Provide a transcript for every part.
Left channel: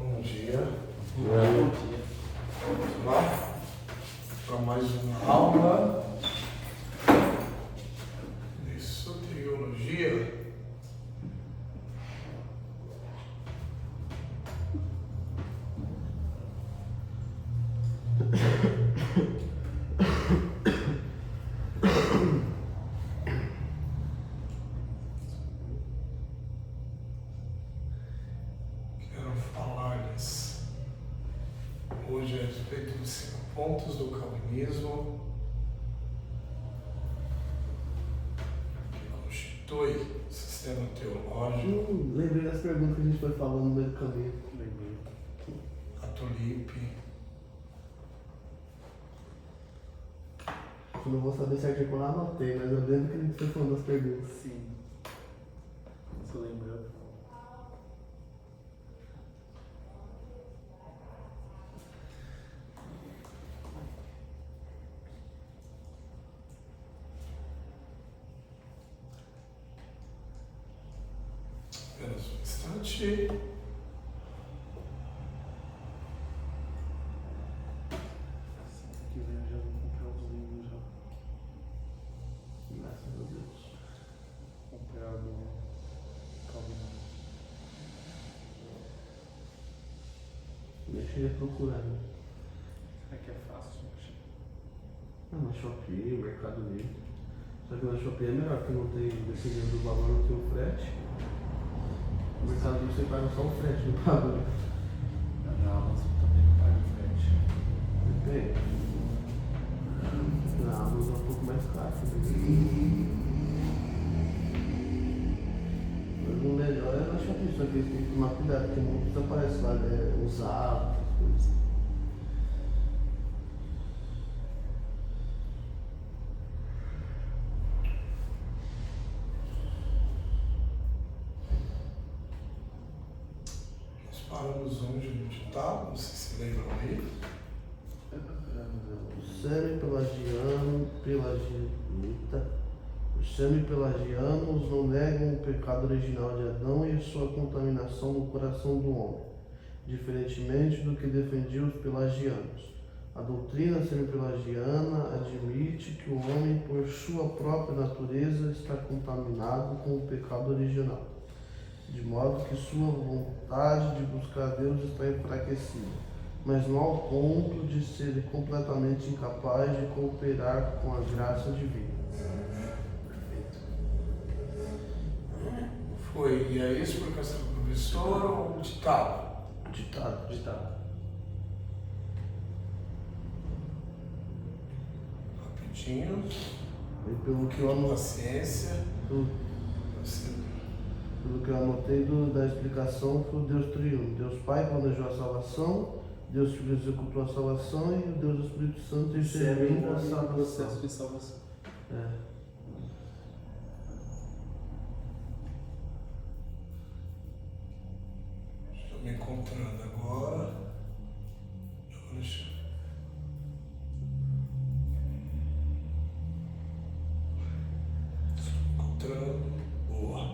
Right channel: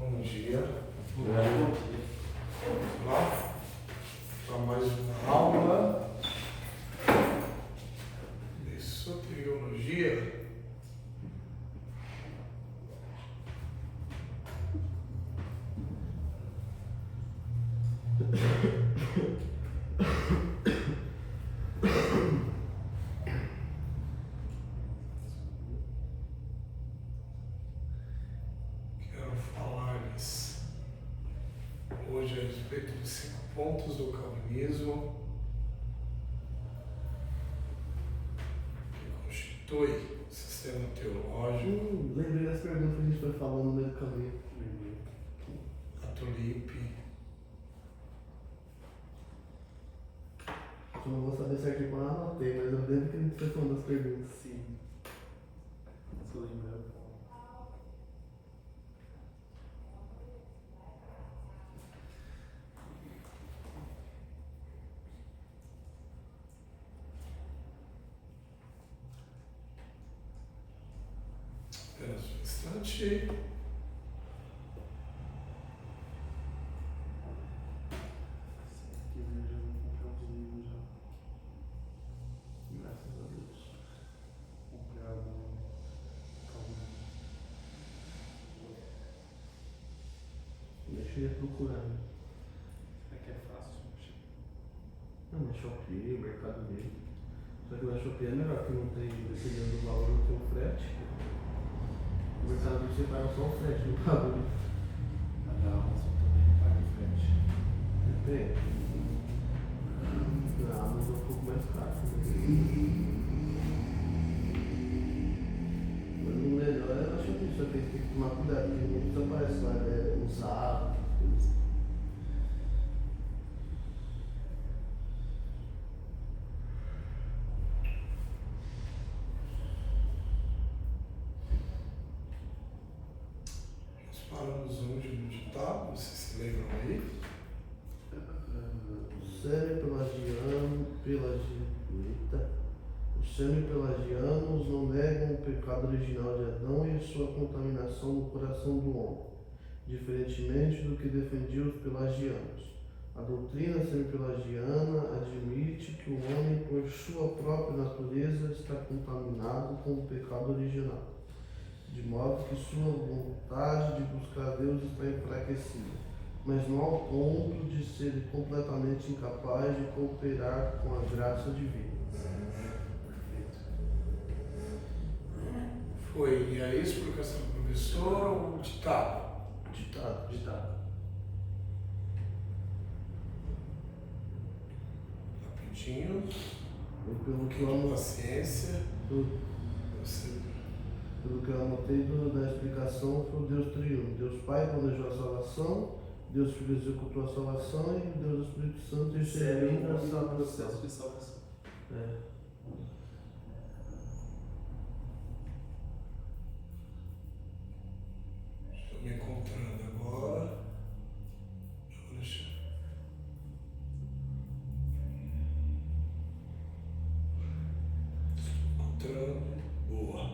Bom dia. Bom dia. Vamos lá para mais uma aula de soteriologia. Quero falar-lhes hoje a respeito de 5 pontos do calvinismo que constitui o sistema teológico. Lembrei das perguntas que a gente foi falando no caminho. A tulipe. Eu não vou saber certinho quando eu anotei, mas eu lembro que a gente foi falando das perguntas. Sim. Estou lembrando. Apenas um instante. Assim que eu já vou comprar os livros já. Graças a Deus. Comprar no Calvino. Deixa eu ir procurando. Aqui é fácil. Ah, no Shopee, Mercado Livre. Só que no Shopee é melhor, porque não tem, dependendo do valor, não tem o frete. No Mercado Livre você paga só o frete, não paga o livro. Já a Amazon também não paga frete. Depende. Na Amazon é um pouco mais caro. Mas o melhor é na Shopee, só que eles têm que tomar cuidado, porque muitos aparecem lá, usado, essas coisas. Nós paramos onde no ditado, não sei se lembram aí. Os semi-pelagianos não negam o pecado original de Adão e sua contaminação no coração do homem, diferentemente do que defendiam os pelagianos. A doutrina semi-pelagiana admite que o homem, por sua própria natureza, está contaminado com o pecado original, de modo que sua vontade de buscar Deus está enfraquecida, mas não ao ponto de ser completamente incapaz de cooperar com a graça divina. Foi, e aí a explicação do professor ou o ditado? Ditado. Rapidinho. E pelo que eu anotei, Paciência. Você- pelo que eu anotei da explicação, foi o Deus triuno. Deus Pai planejou a salvação, Deus Filho executou a salvação e o Deus Espírito Santo interveio para a no salvação. processo de salvação. É. Estou me encontrando agora. Deixa eu- Estou encontrando. Boa.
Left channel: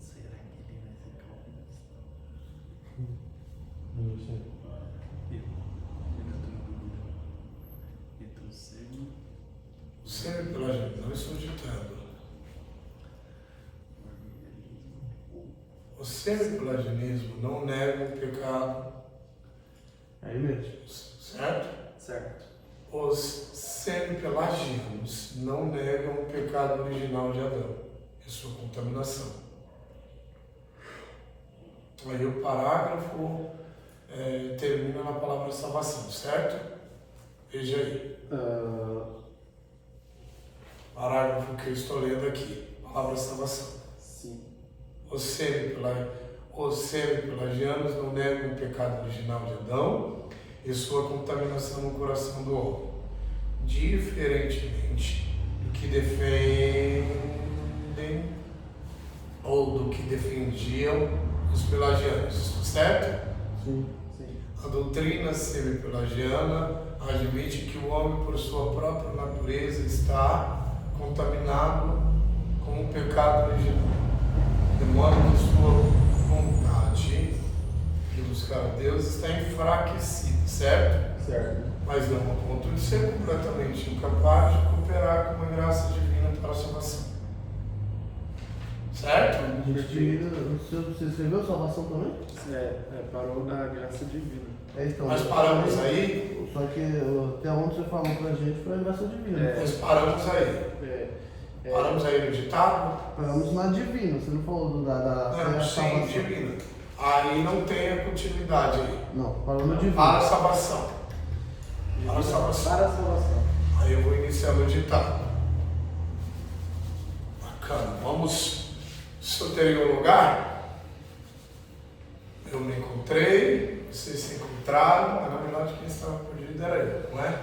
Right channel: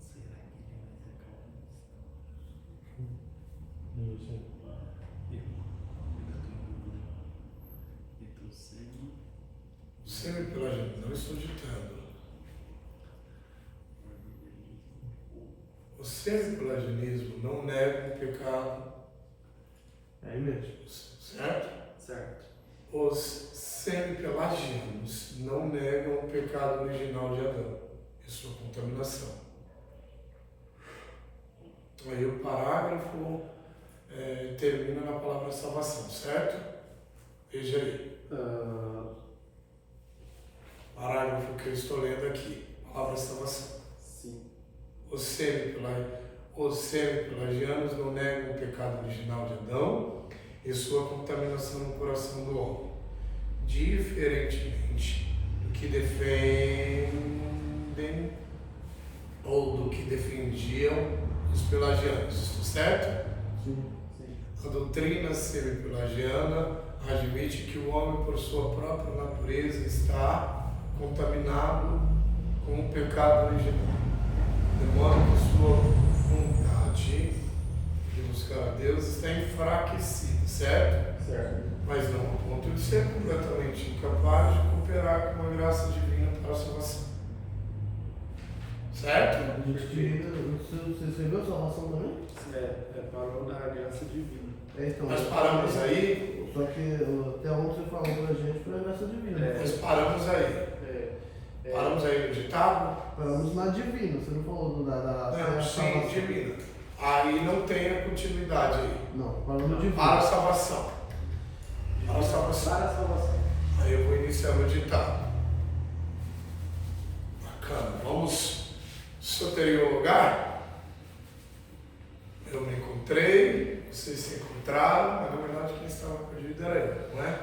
Será que ele vai ser calvinista? Não sei. Ele tá tomando então cego. O semi-pelagianismo, não estou ditando. O semi-pelagianismo não nega o pecado, É aí mesmo. certo? Certo. Os semi-pelagianos não negam o pecado original de Adão e sua contaminação. Aí o parágrafo termina na palavra salvação, certo? Veja aí. Parágrafo que eu estou lendo aqui, palavra salvação. Sim. Os semi-pelagianos não negam o pecado original de Adão e sua contaminação no coração do homem, diferentemente do que defendem ou do que defendiam os pelagianos, certo? Sim. Sim. A doutrina semi-pelagiana admite que o homem, por sua própria natureza, está contaminado com o pecado original, de modo que sua vontade de buscar a Deus está enfraquecida, certo? Certo. Mas não ao ponto de ser completamente incapaz de cooperar com a graça divina para a salvação. Certo? A gente tira. Você escreveu salvação também? Parou na graça divina. Então, Nós paramos aí. Só que até onde você falou pra gente foi a graça divina. Nós paramos aí. Paramos aí no ditado? Paramos na divina, você não falou da Não, sim, salvação. divina. Aí não tem a continuidade aí. Não, paramos no divino. Para a salvação. Para a salvação. Aí eu vou iniciar meu ditado. Bacana. Vamos. Se eu teria um lugar, eu me encontrei, vocês se encontraram, mas na verdade quem estava perdido era eu, não é?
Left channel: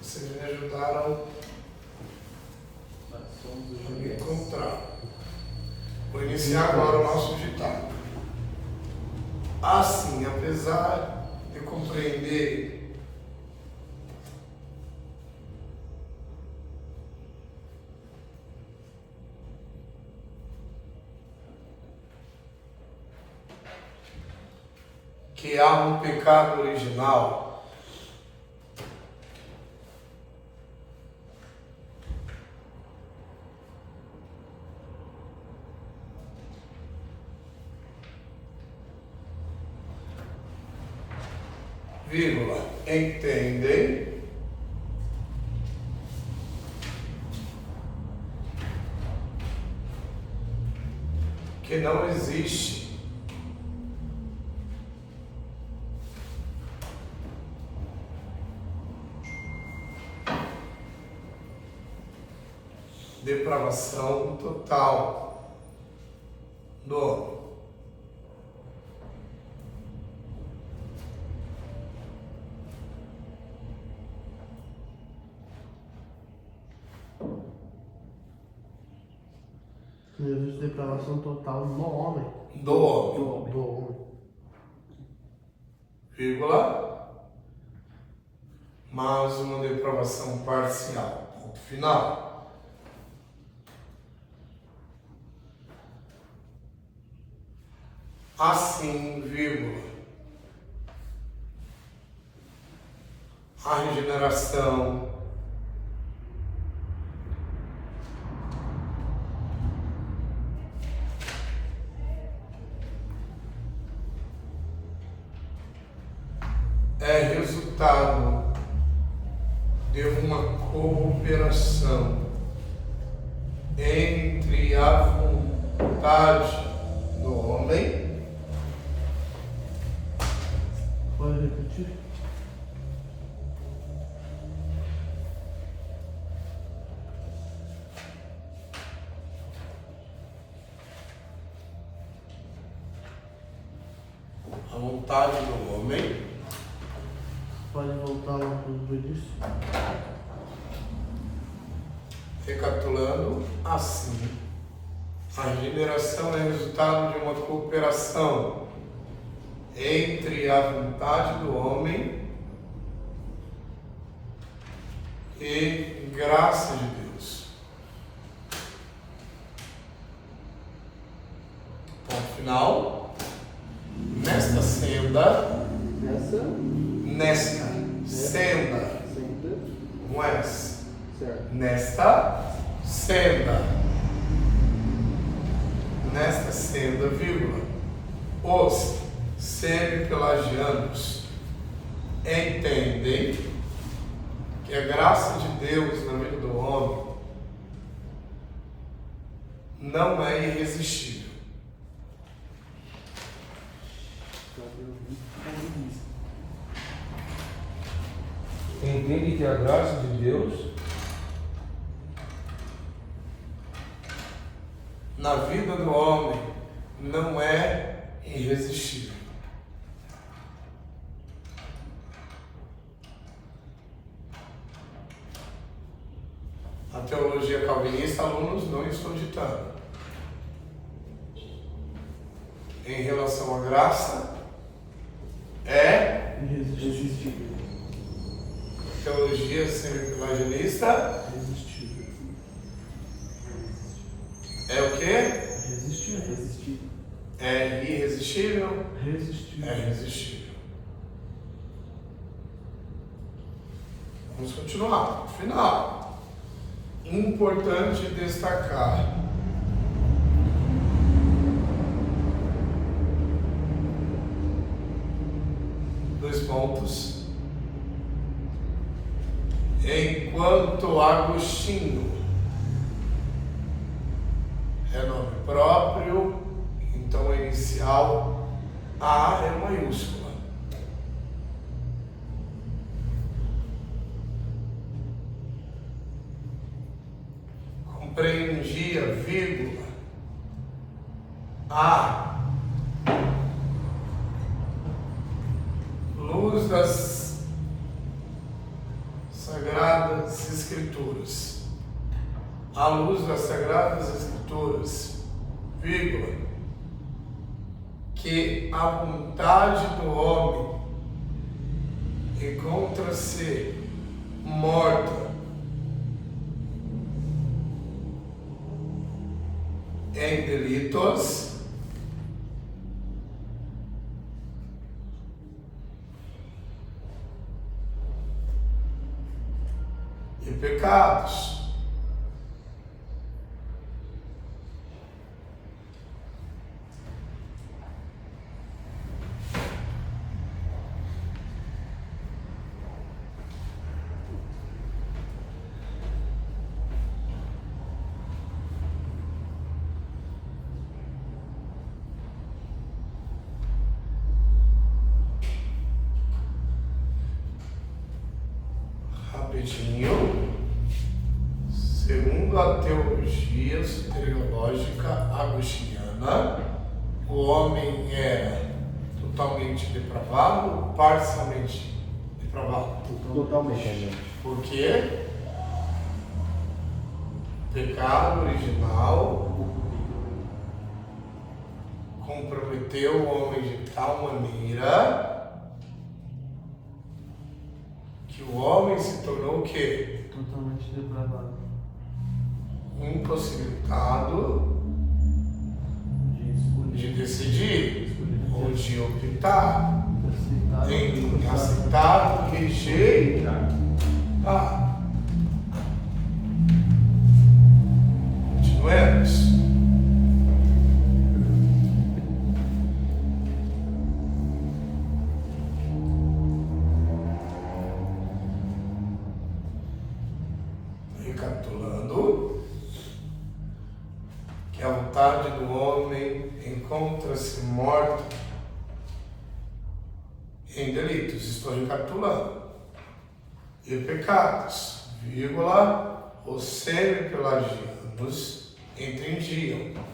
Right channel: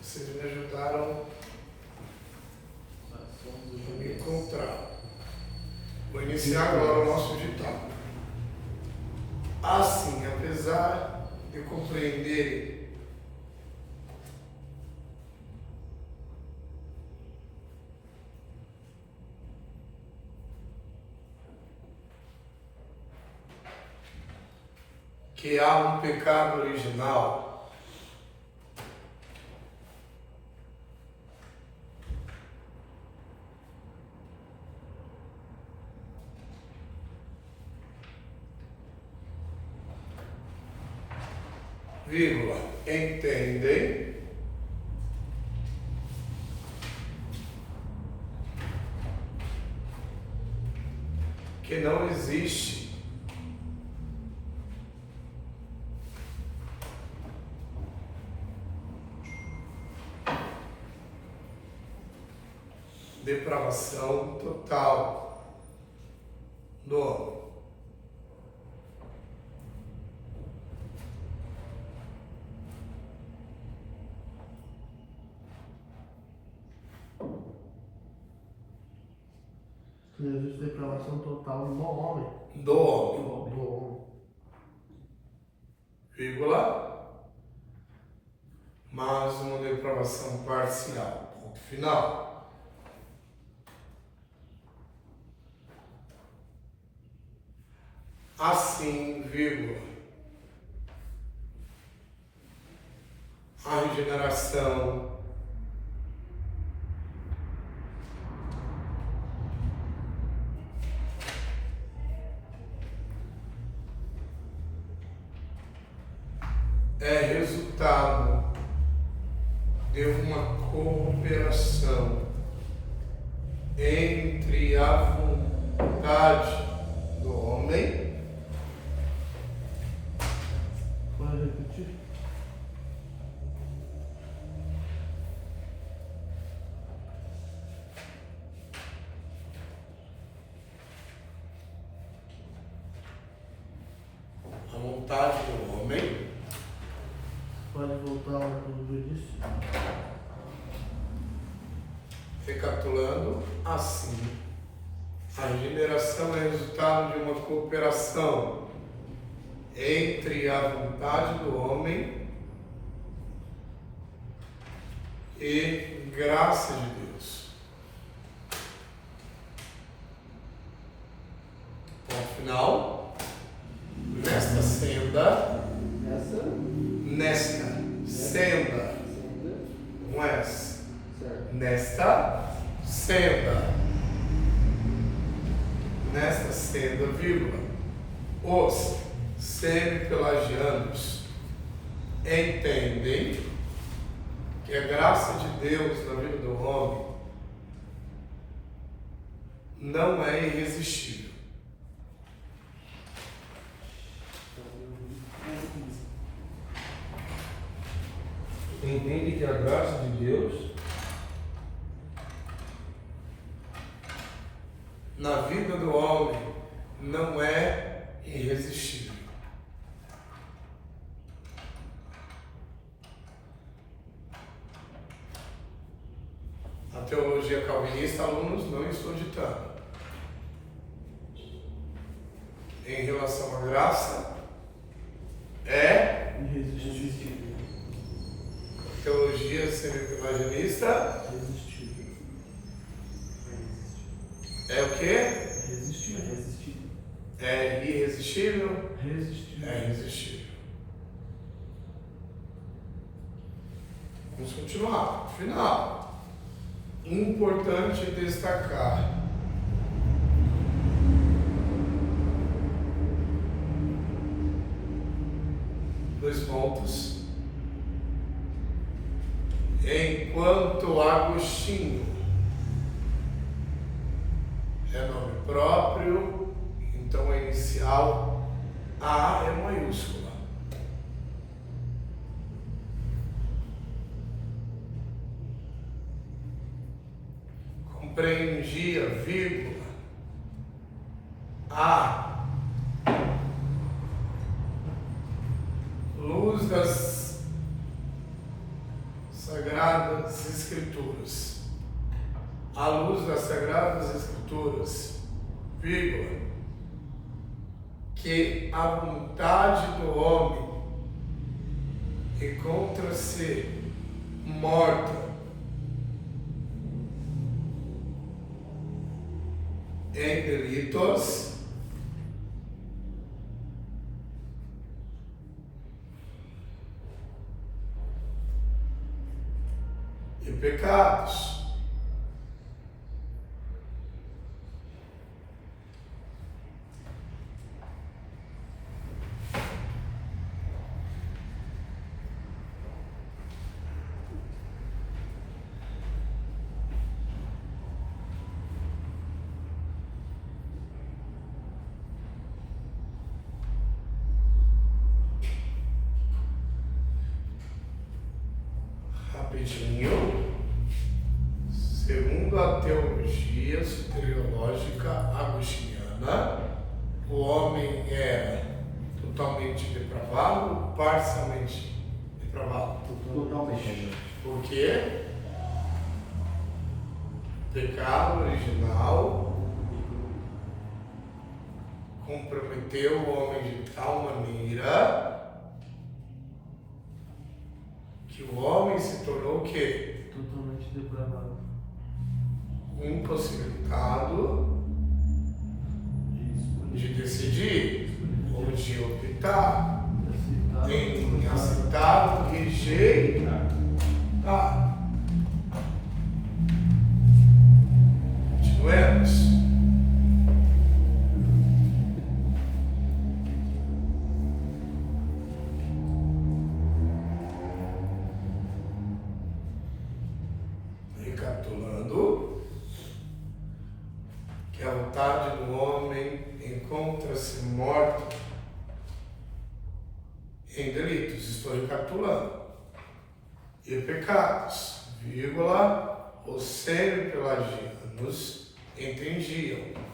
Vocês me ajudaram a me encontrar. Vou iniciar agora o nosso ditado. Assim, apesar de compreender que há um pecado original, vírgula, entendem que não existe depravação total do homem. Não existe depravação total no homem. Do homem, Do homem. vírgula, mas uma depravação parcial, ponto final. Assim, vírgula, a regeneração é resultado de uma cooperação entre a vontade do homem Pode repetir? a vontade do homem Pode voltar lá para o que eu disse? recapitulando, assim, a regeneração é resultado de uma cooperação entre a vontade do homem e graça de Deus. Ponto final. Nesta senda, não é essa. Certo. Nesta senda, vírgula, os semi-pelagianos entendem que a graça de Deus na vida do homem não é irresistível. Entende que a graça de Deus na vida do homem não é irresistível. A teologia calvinista, alunos, não estou ditando. Em relação à graça, é Resistível. Teologia semi-pelagianista Resistível. é o quê? Resistível. Resistível. É irresistível? Resistível. É irresistível. Vamos continuar. Final. Importante destacar. Dois pontos. Enquanto Agostinho é nome próprio, então a inicial A é maiúscula. Compreendia, vírgula, a luz das Sagradas Escrituras. A luz das Sagradas Escrituras, vírgula, que a vontade do homem encontra-se morta em delitos e pecados. Rapidinho. Segundo a teologia soteriológica agostiniana, o homem era totalmente depravado, parcialmente depravado. Totalmente. Por quê? O pecado original comprometeu o homem de tal maneira que o homem se tornou o quê? Totalmente depravado. Impossibilitado de decidir ou de optar em aceitar ou rejeitar. Continuemos. Recapitulando, que a vontade do homem encontra-se morta em delitos, estou recapitulando, e pecados, vírgula, os semi-pelagianos entendiam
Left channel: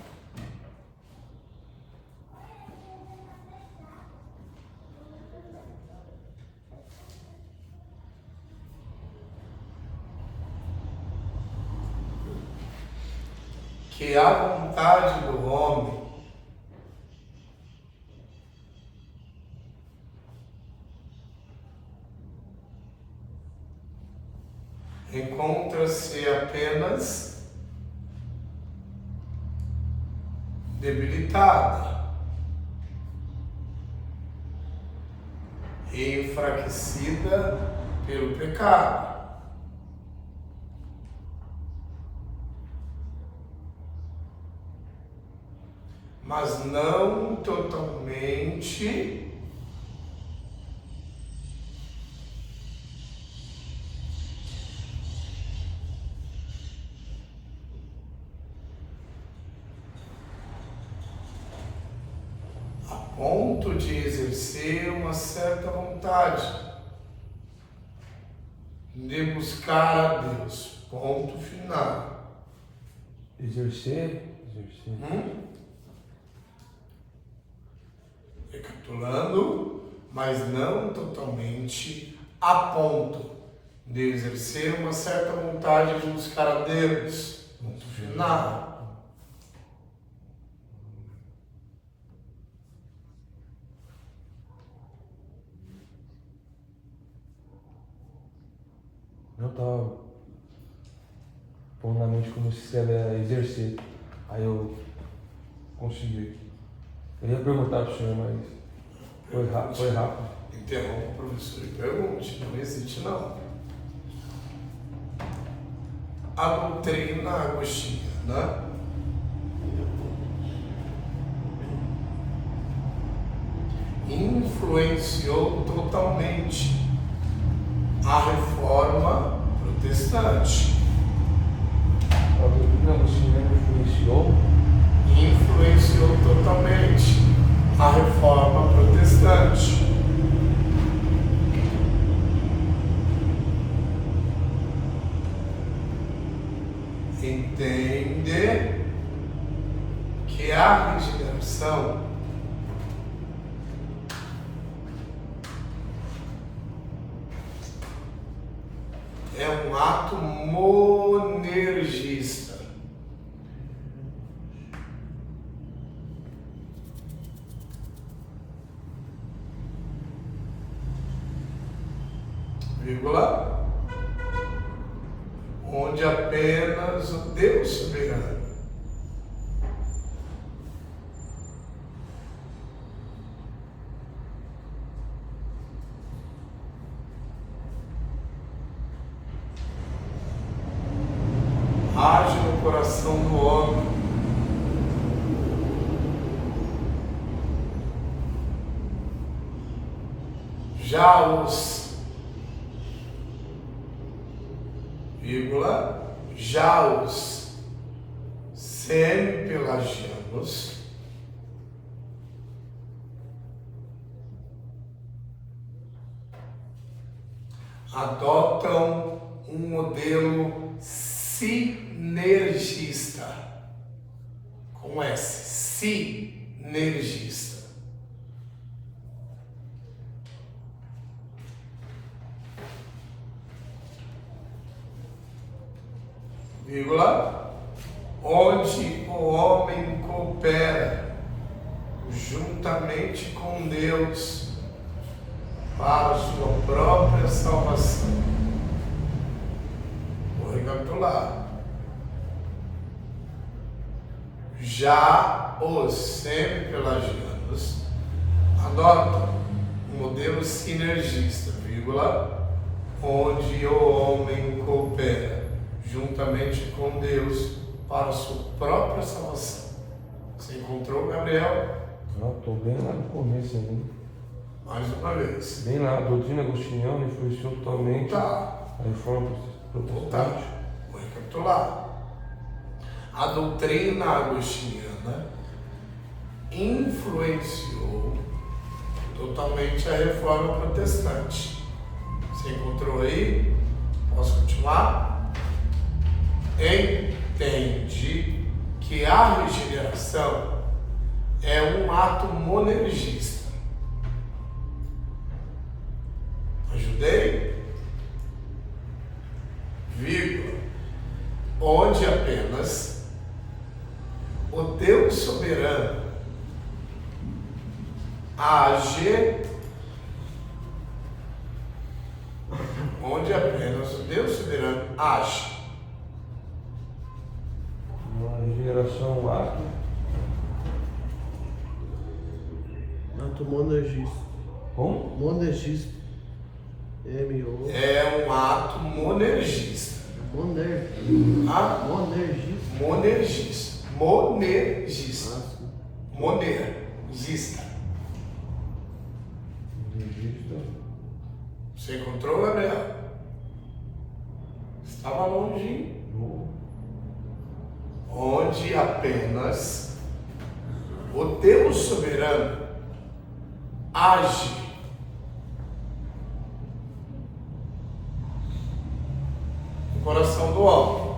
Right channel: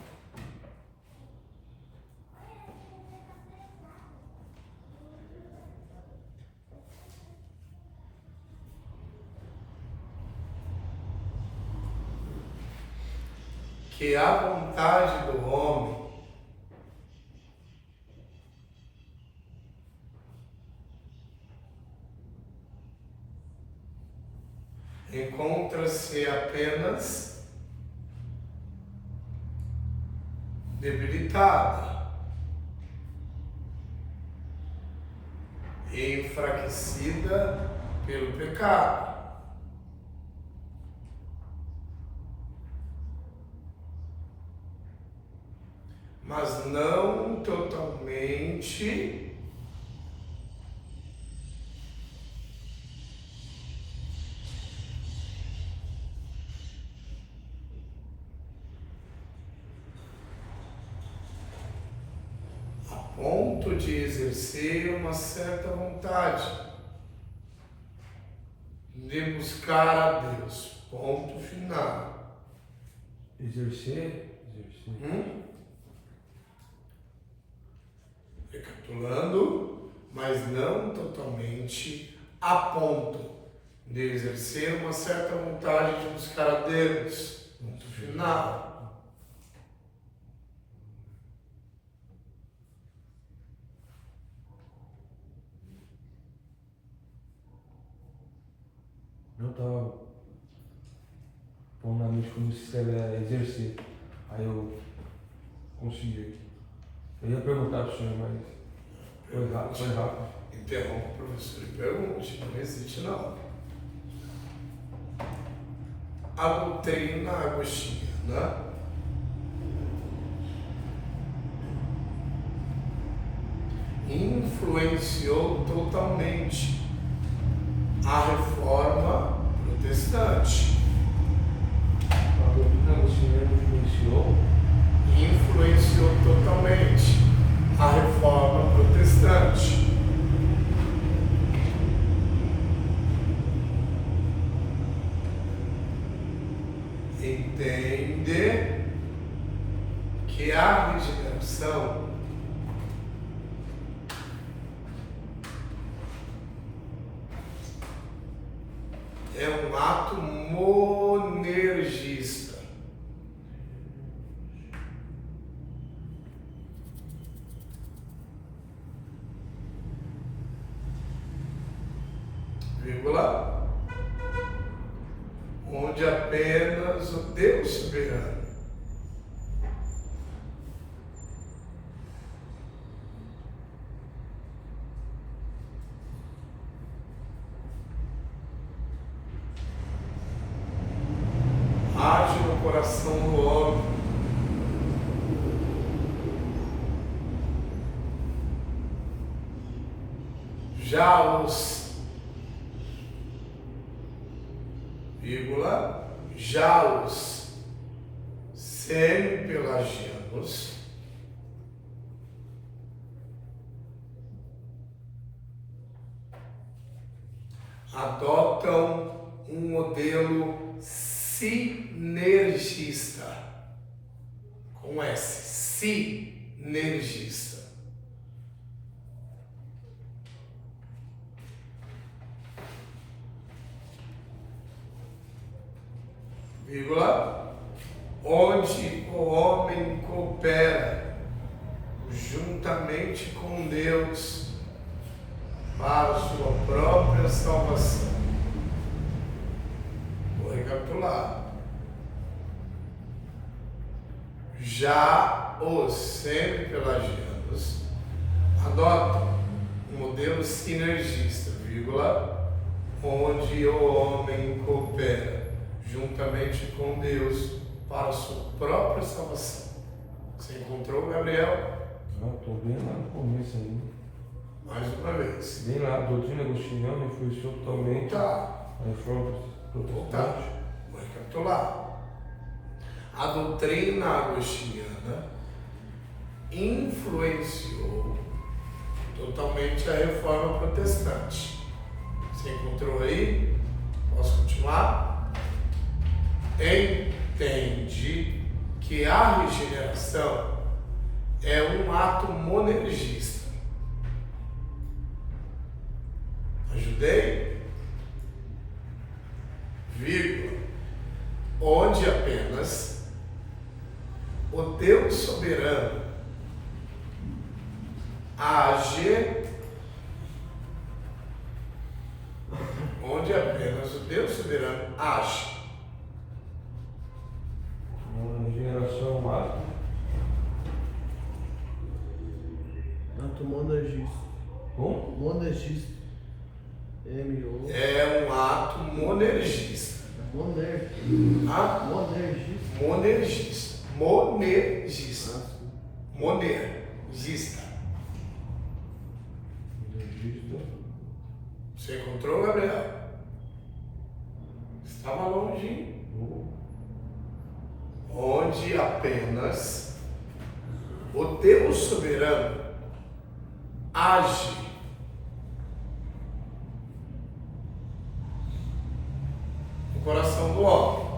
que a vontade do homem encontra-se apenas debilitada e enfraquecida pelo pecado. Mas não totalmente a ponto de exercer uma certa vontade de buscar a Deus. Ponto final. Exercer. Recapitulando, mas não totalmente a ponto de exercer uma certa vontade de buscar a Deus. Ponto final. tava pondo na mente como se ela ia exercer. Aí eu consegui. Eu ia perguntar pro senhor, mas foi rápido. Interrompa o professor e pergunte. Não existe, não. A doutrina agostiniana influenciou totalmente a reforma protestante. A doutrina agostiniana Influenciou totalmente a reforma protestante. Entende que a regeneração é um ato monergista. Vírgula. Onde apenas o Deus soberano age no coração do homem, já os semi-pelagianos adotam um modelo sinergista, com S, sinergista. Vírgula, onde o homem coopera juntamente com Deus para sua própria salvação. Vou recapitular. Já os semi-pelagianos adotam um modelo sinergista, vírgula, onde o homem coopera juntamente com Deus para a sua própria salvação. Você encontrou, Gabriel? Estou bem lá no começo ainda. Mais uma vez. Bem lá, a doutrina agostiniana influenciou totalmente Tá. a reforma protestante. Vou recapitular. A doutrina agostiniana influenciou totalmente a reforma protestante. Você encontrou aí? Posso continuar? Entende que a regeneração é um ato monergista. Ajudei? Vírgula. Onde apenas o Deus soberano age, onde apenas o Deus soberano age. A regeneração é um ato. Ato monergista. Como? Monergista. M-O. É um ato monergista. Ah, Monergista. monergista. Monergista. Monergista. Registro. Você encontrou, Gabriel? Estava longe. Onde apenas o Deus soberano age no coração do homem.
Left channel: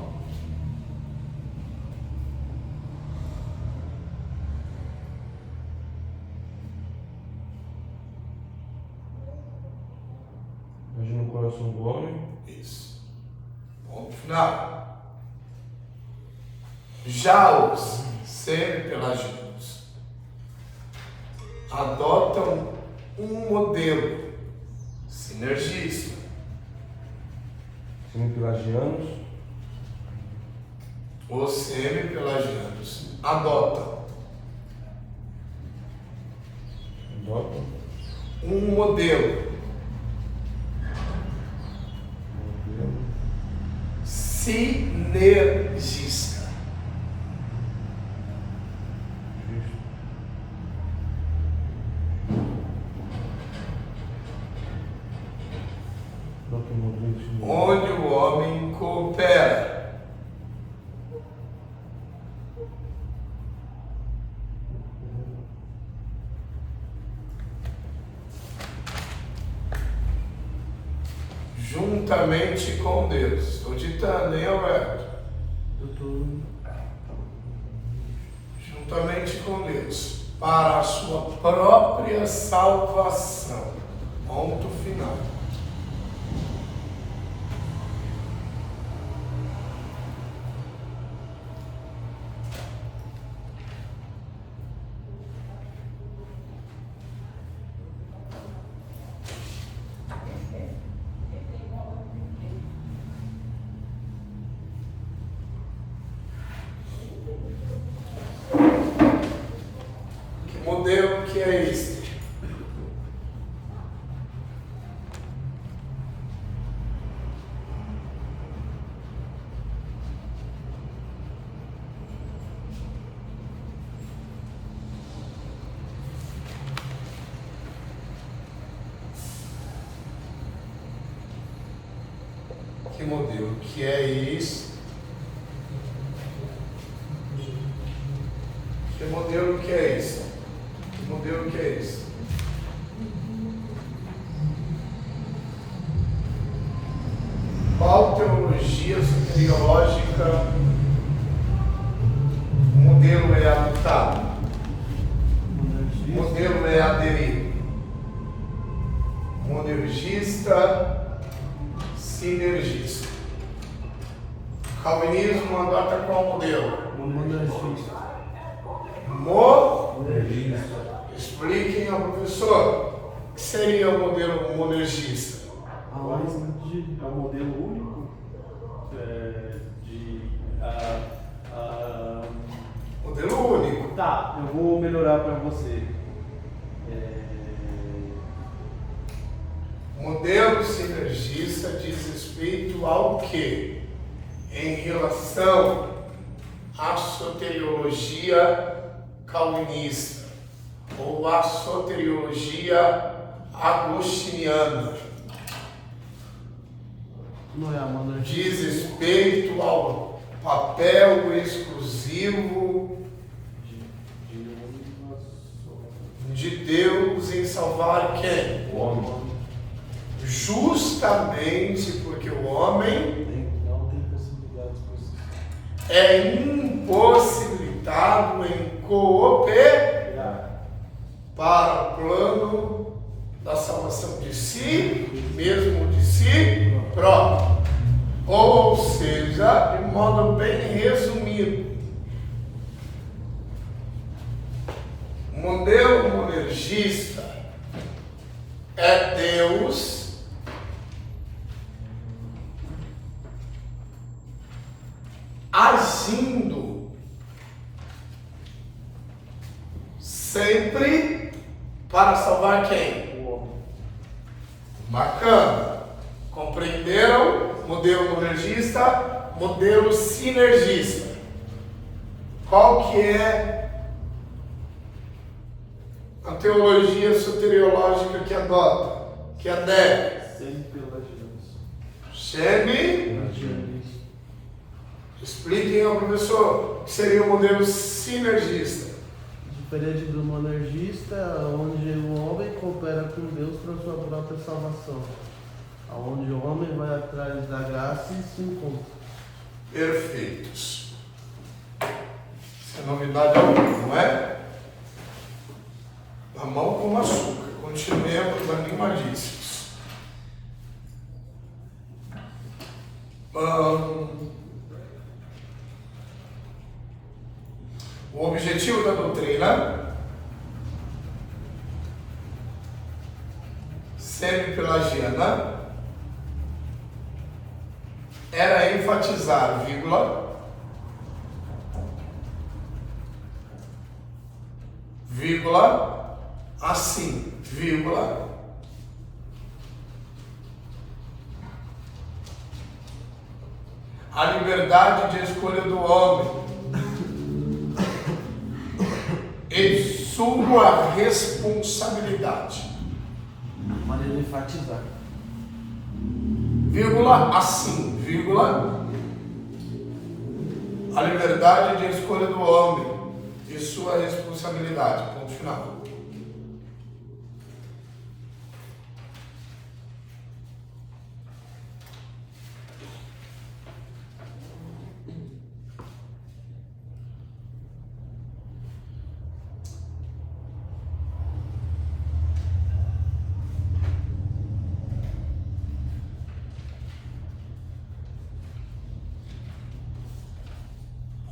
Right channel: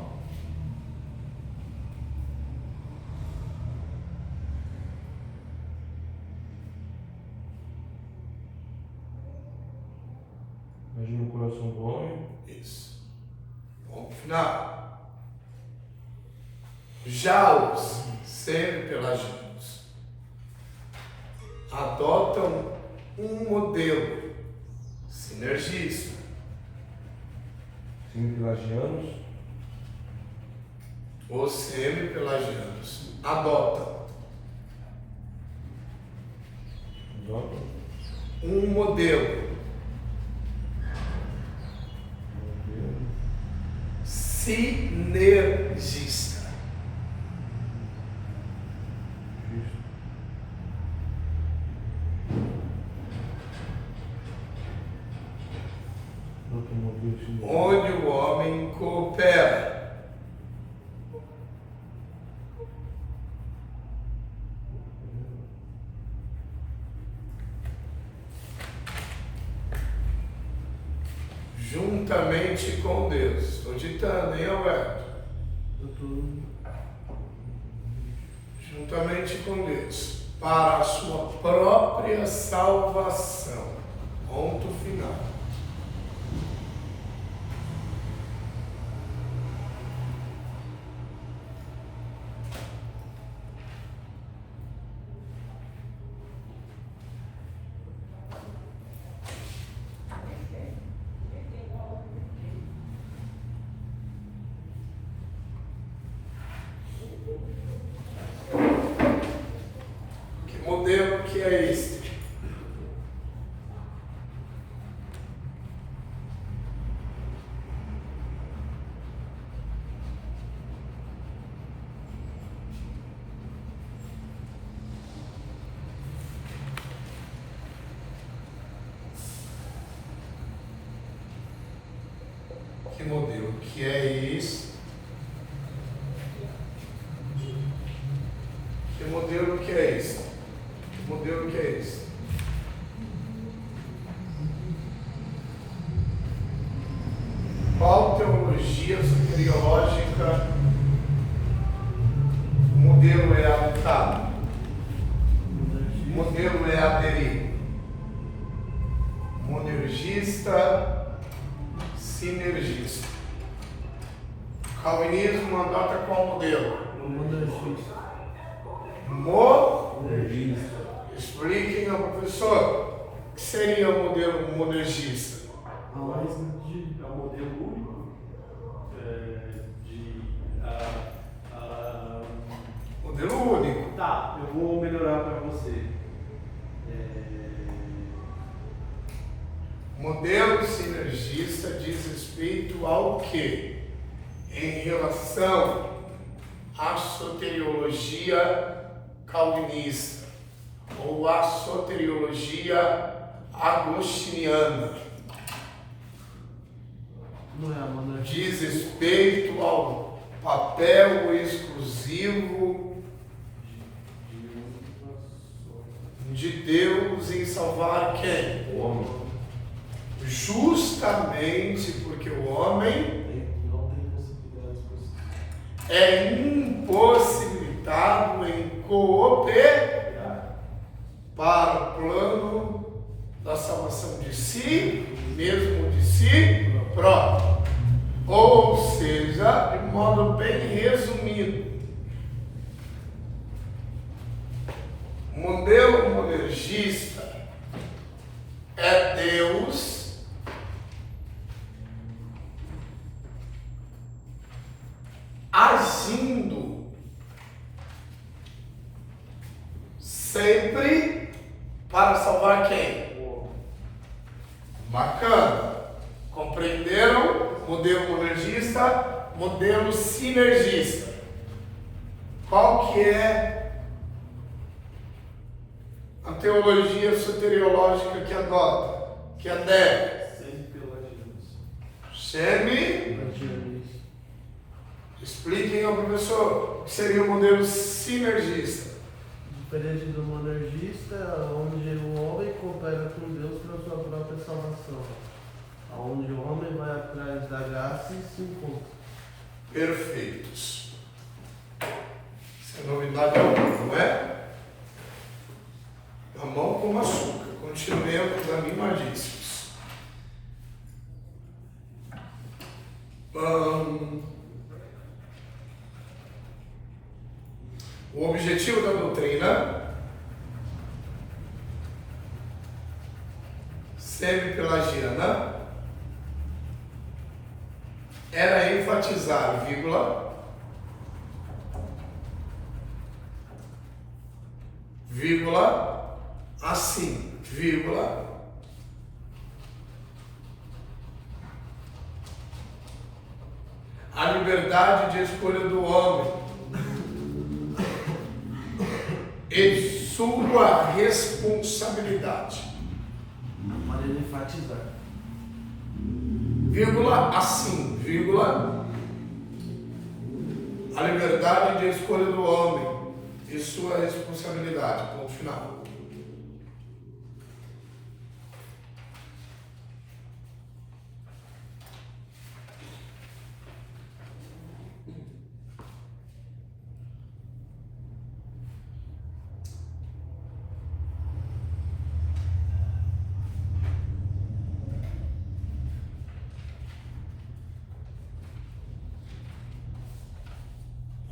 Imagina o coração do homem. Isso. Ponto final. Já os semi-pelagianos adotam um modelo sinergista. Semi-pelagianos. Os semi-pelagianos adotam Adotam. um modelo sinergista. Justo. Adotam modelo sinergista. Onde o homem coopera juntamente com Deus. Estou ditando, hein, Alberto? Juntamente com Deus, para a sua própria salvação. Ponto final. Que modelo que é este? Que modelo que é isso? Que modelo que é esse? Que modelo que é esse? Qual teologia soteriológica o modelo é adotado? O modelo é aderido? Monergista, sinergista. Calvinismo adota qual modelo? Monergista. Expliquem ao professor o que seria o modelo monergista. É um modelo único Modelo único. Tá, eu vou melhorar para você. Modelo sinergista diz respeito ao quê? Em relação à soteriologia calvinista ou à soteriologia agostiniana. Não é a monarquia. Diz respeito ao papel exclusivo de Deus em salvar quem? O homem. Justamente porque o homem Não tem possibilidades possíveis. é impossibilitado em cooperar para o plano da salvação de si, mesmo de si próprio. Ou seja, de modo bem resumido, o modelo monergista é Deus agindo sempre para salvar quem? Bacana. Compreenderam? Modelo monergista, modelo sinergista. Qual que é a teologia soteriológica que adota? Que adere? Semi-pelagianos. Semi. Expliquem ao professor o que seria o modelo sinergista. Diferente do monergista, onde o homem coopera com Deus para a sua própria salvação. Onde o homem vai atrás da graça e se encontra. Perfeitos. Isso é novidade alguma, não é? Mamão com açúcar. Continuemos animadíssimos. O objetivo da doutrina semi-pelagiana era enfatizar, vírgula, assim, vírgula, a liberdade de escolha do homem e sua responsabilidade. Para ele enfatizar. Vírgula, assim, vírgula, a liberdade de escolha do homem e sua responsabilidade. Ponto final.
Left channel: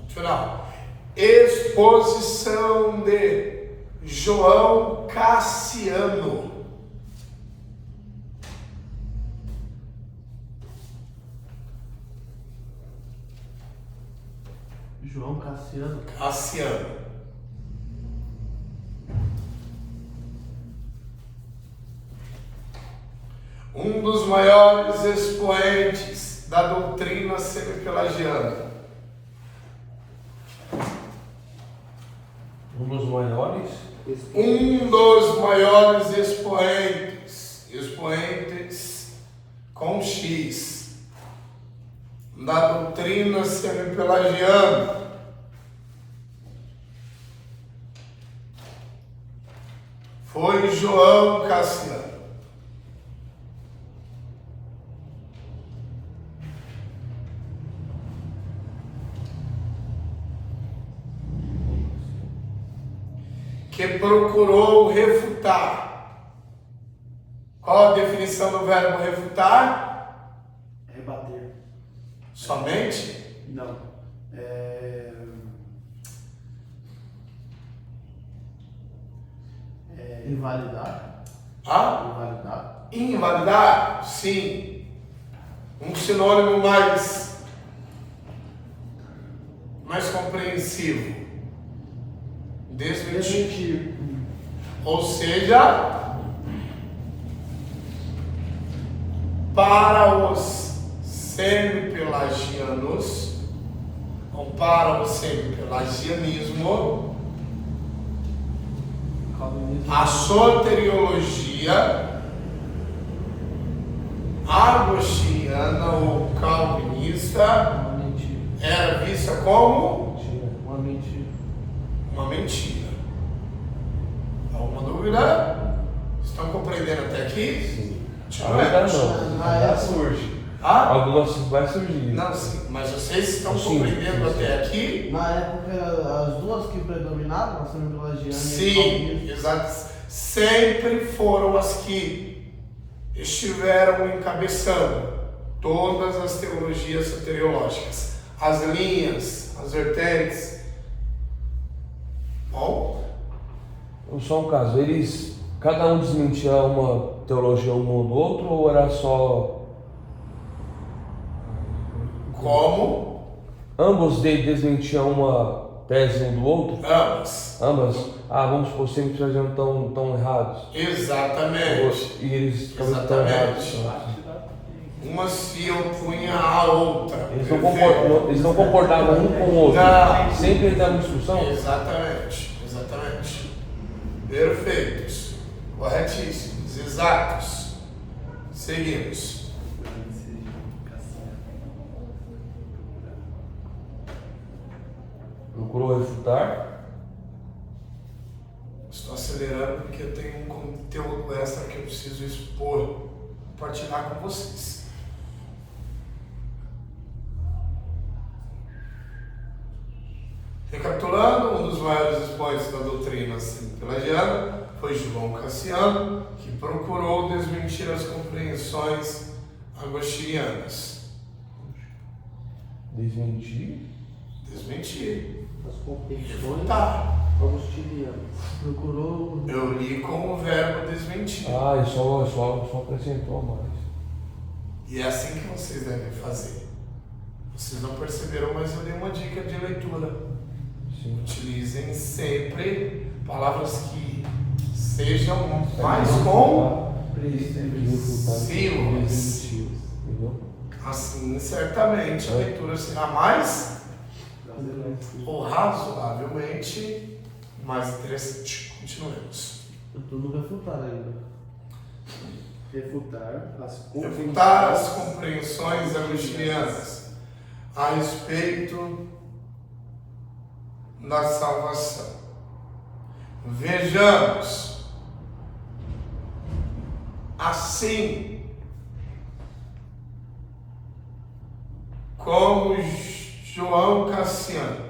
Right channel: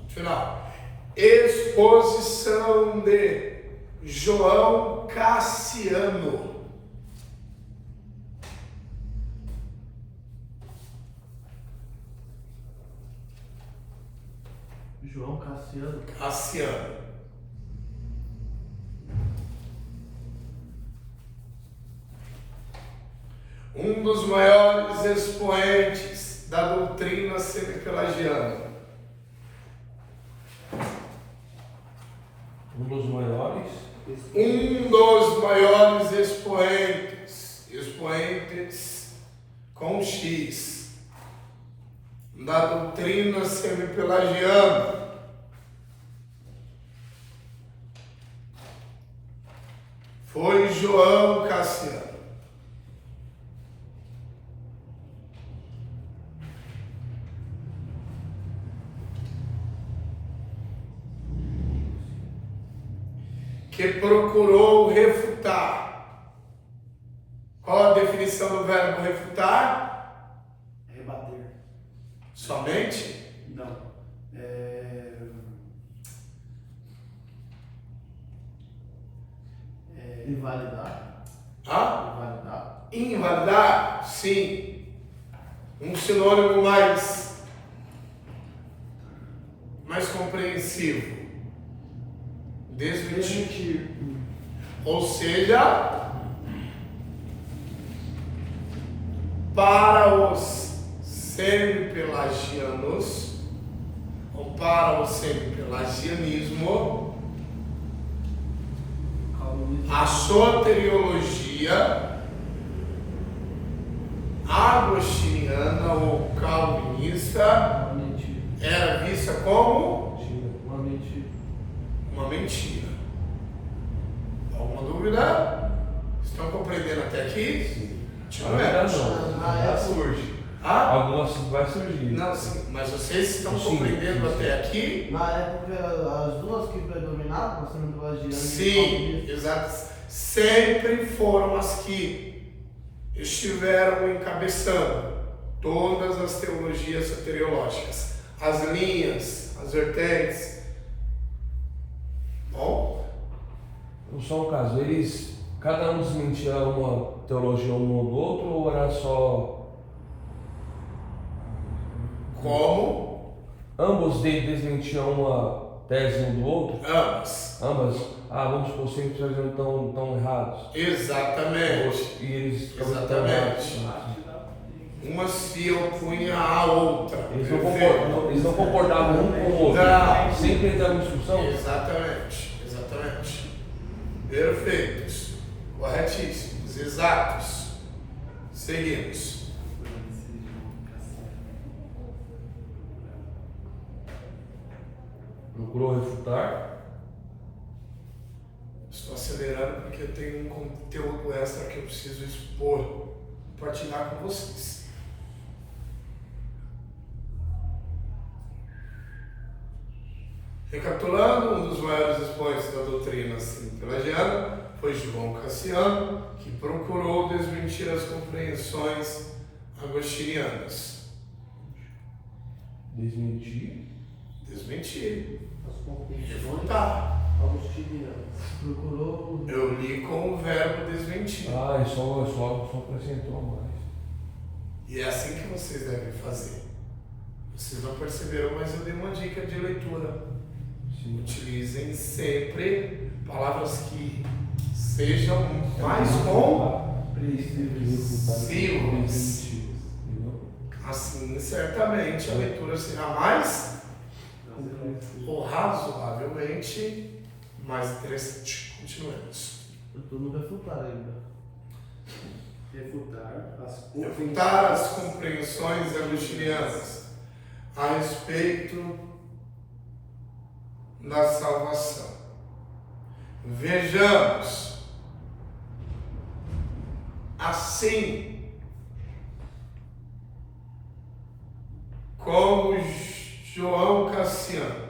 Final. Exposição de João Cassiano. João Cassiano. Cassiano. Um dos maiores expoentes da doutrina semipelagiana. Um dos maiores. Um dos maiores expoentes com X, da doutrina semipelagiana. Foi João Cassiano. Que procurou refutar. Qual a definição do verbo refutar? Rebater. Somente? Não. Invalidar. Ah? Invalidar. Invalidar? Sim. Um sinônimo mais compreensivo. Desmentir. Ou seja, para os semipelagianos, ou para o semipelagianismo, a soteriologia agostiniana ou calvinista Uma mentira. era vista como Uma mentira. uma mentira. Alguma dúvida? Estão compreendendo até aqui? Sim. Tiver. Na época, surge. Ah? Algumas vai surgir. Não, sim, mas vocês estão Sim, compreendendo sim. até aqui? na época, as duas que predominavam, a semipelagiana e o Sim, calvinismo, exato. Sempre foram as que estiveram encabeçando todas as teologias soteriológicas, as linhas, as vertentes. Bom, Só um caso, cada um desmentia uma teologia um ou do outro, ou era só como? ambos desmentiam uma tese um do outro? Ambas. Ambas? Vamos supor, sempre estão errados. Exatamente. E eles estão Exatamente. errados. Uma se opunha à outra. Eles não comportavam um com o outro. Não. Sempre entravam em discussão? Exatamente. Perfeitos. Corretíssimos. Exatos. Seguimos. Procurou refutar. Estou acelerando porque eu tenho um conteúdo extra que eu preciso expor, compartilhar com vocês. Recapitulando, um dos maiores expoentes da doutrina semipelagiana foi João Cassiano, que procurou desmentir as compreensões agostinianas. Desmentir. Desmentir. as compreensões Refutar. agostinianas. Procurou Eu li com o verbo desmentir. Só acrescentou mais. E é assim que vocês devem fazer. Vocês não perceberam, mas eu dei uma dica de leitura. Sim. Utilizem sempre palavras que sejam mais compreensivas. Entendeu? Assim, certamente a leitura será mais ou razoavelmente mais interessante. Continuemos. Eu estou no refutar ainda. Refutar As compreensões agostinianas a respeito da salvação. Vejamos. Assim como João Cassiano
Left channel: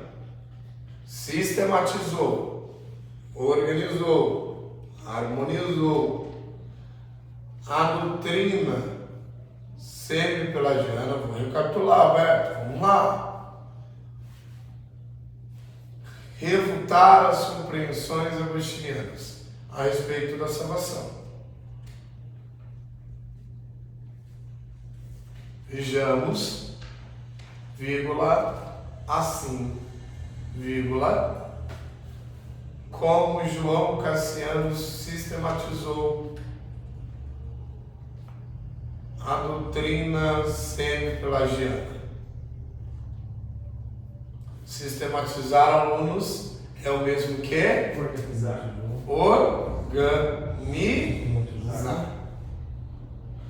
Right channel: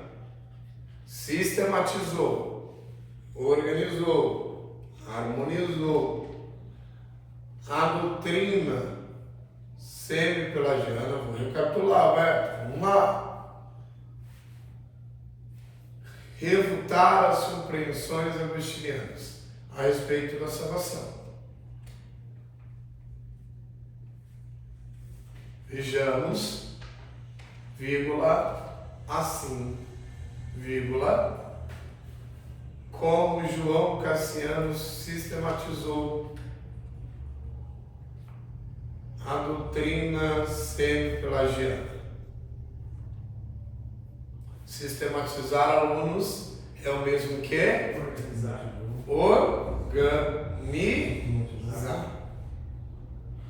sistematizou, organizou, harmonizou a doutrina semi-pelagiana, vou recapitular, Alberto, vamos lá. Refutar as compreensões agostinianas a respeito da salvação. Vejamos, vírgula, assim, vírgula, como João Cassiano sistematizou a doutrina semi-pelagiana. Sistematizar alunos é o mesmo que organizar.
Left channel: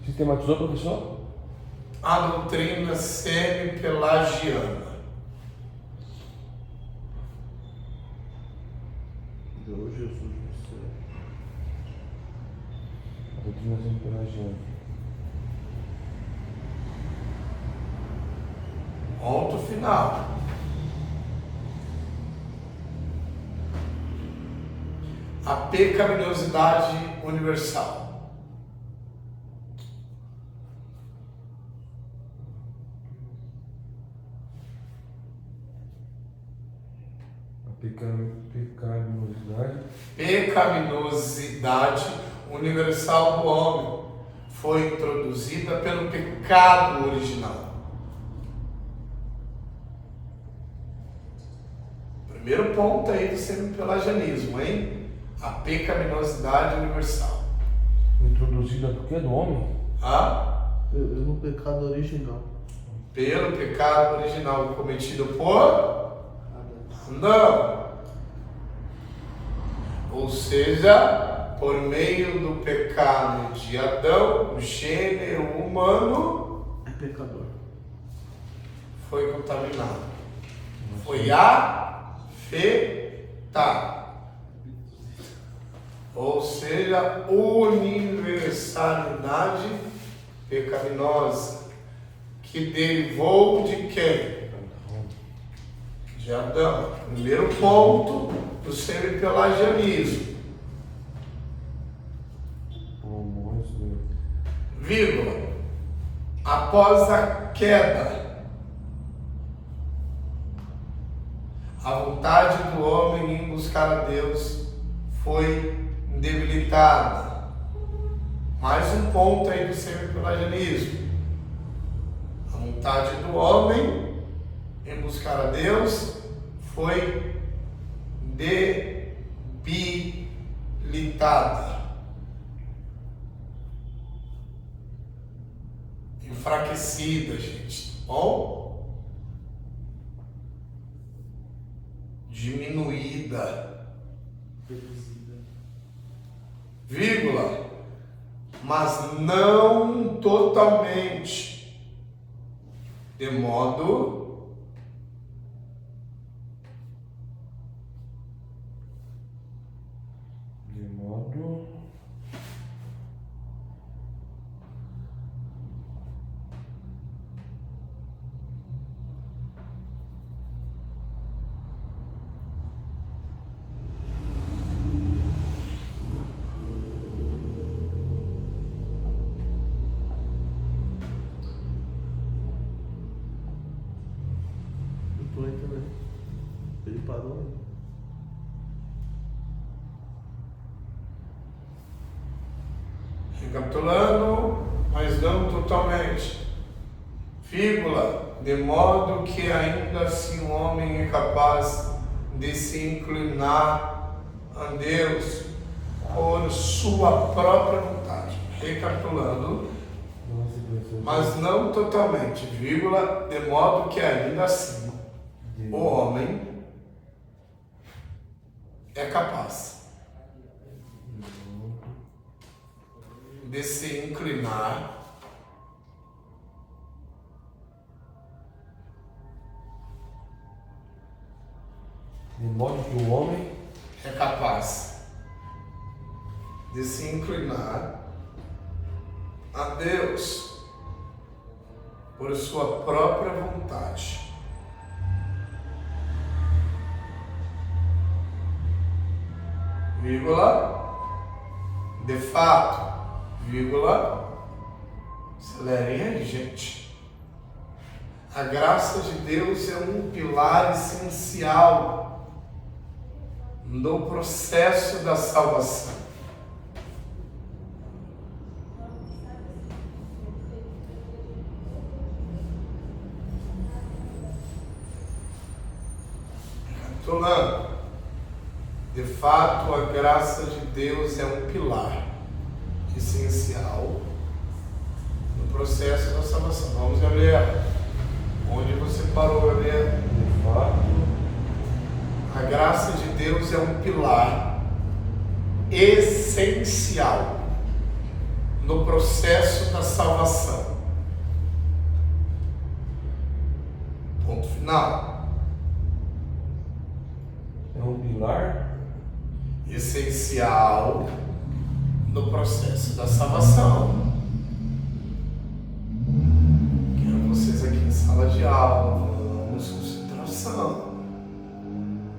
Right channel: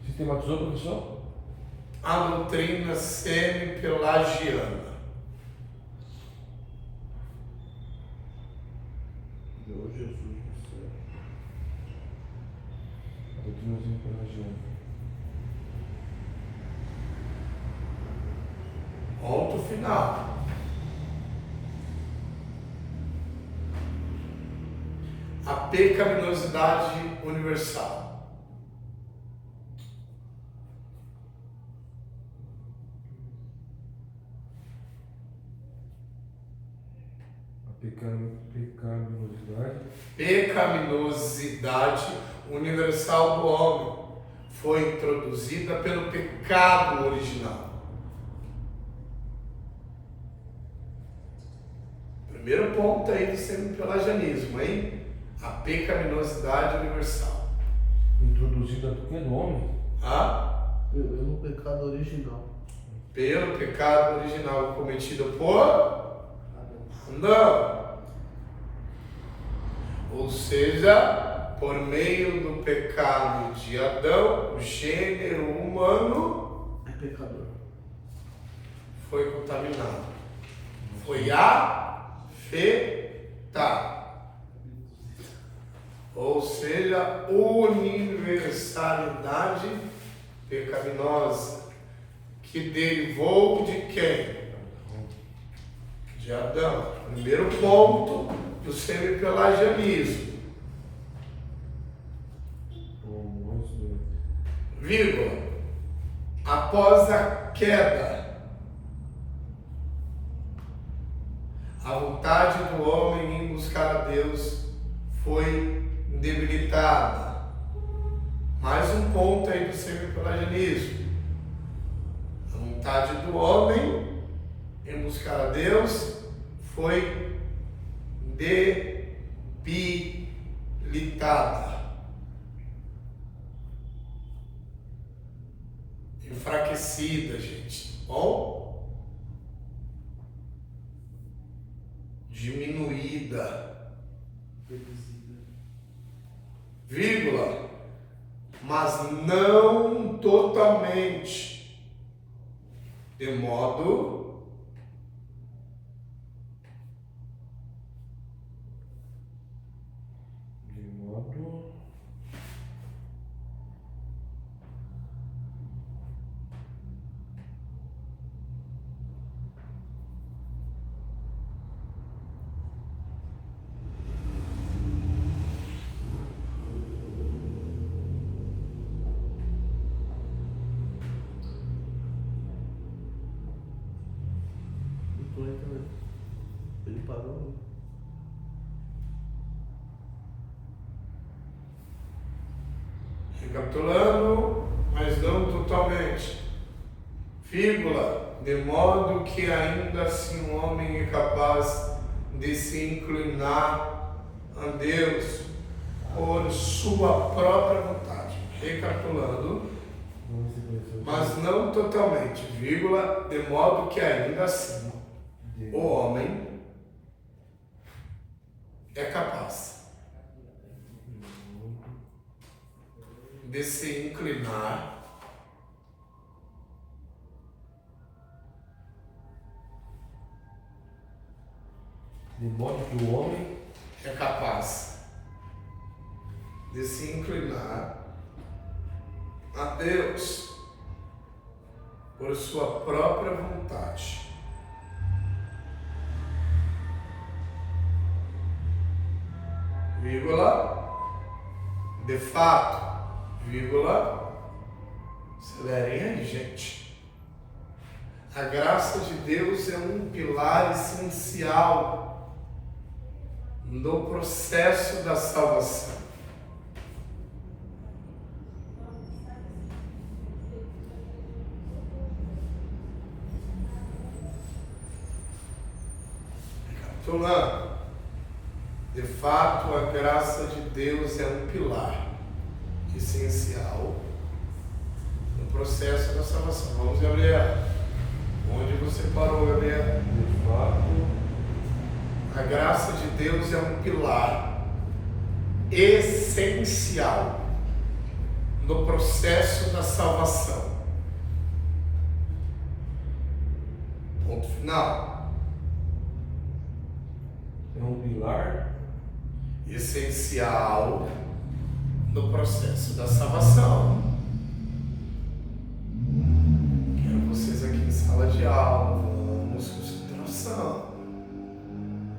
Sistematizou, professor? A doutrina semi-pelagiana. Deu Jesus do céu. A doutrina semi-pelagiana. Ponto final. A pecaminosidade universal. Pecaminosidade. Pecaminosidade universal do homem foi introduzida pelo pecado original. Primeiro ponto aí do semi-pelagianismo, hein? A pecaminosidade universal. Introduzida do que? Do homem? No pecado original. Pelo pecado original cometido por Adão. Ou seja, por meio do pecado de Adão, o gênero humano É pecador. foi contaminado. Foi afetado. Ou seja, universalidade pecaminosa, que derivou de quem? De Adão. Primeiro ponto do semi-pelagianismo. Vírgula. Após a queda, a vontade do homem em buscar a Deus foi debilitada. Mais um ponto aí do semi-pelagianismo. A vontade do homem em buscar a Deus foi debilitada, enfraquecida, gente. Bom? Diminuída. Vírgula, mas não totalmente, de modo Ele parou aí. Recapitulando, mas não totalmente. vírgula, de modo que ainda assim o homem é capaz de se inclinar a Deus por sua própria vontade. Recapitulando, mas não totalmente, vírgula, de modo que ainda assim o homem é capaz de se inclinar De modo que o homem é capaz de se inclinar a Deus por sua própria vontade. Vírgula, de fato, vírgula, acelerem aí, gente. A graça de Deus é um pilar essencial no processo da salvação. Recapitulando, de fato, a graça de Deus é um pilar essencial no processo da salvação. Vamos, Gabriel. Onde você parou, Gabriel? de fato A graça de Deus é um pilar essencial no processo da salvação. Ponto final. é um pilar Essencial no processo da salvação. Quero vocês aqui em sala de aula, vamos, concentração.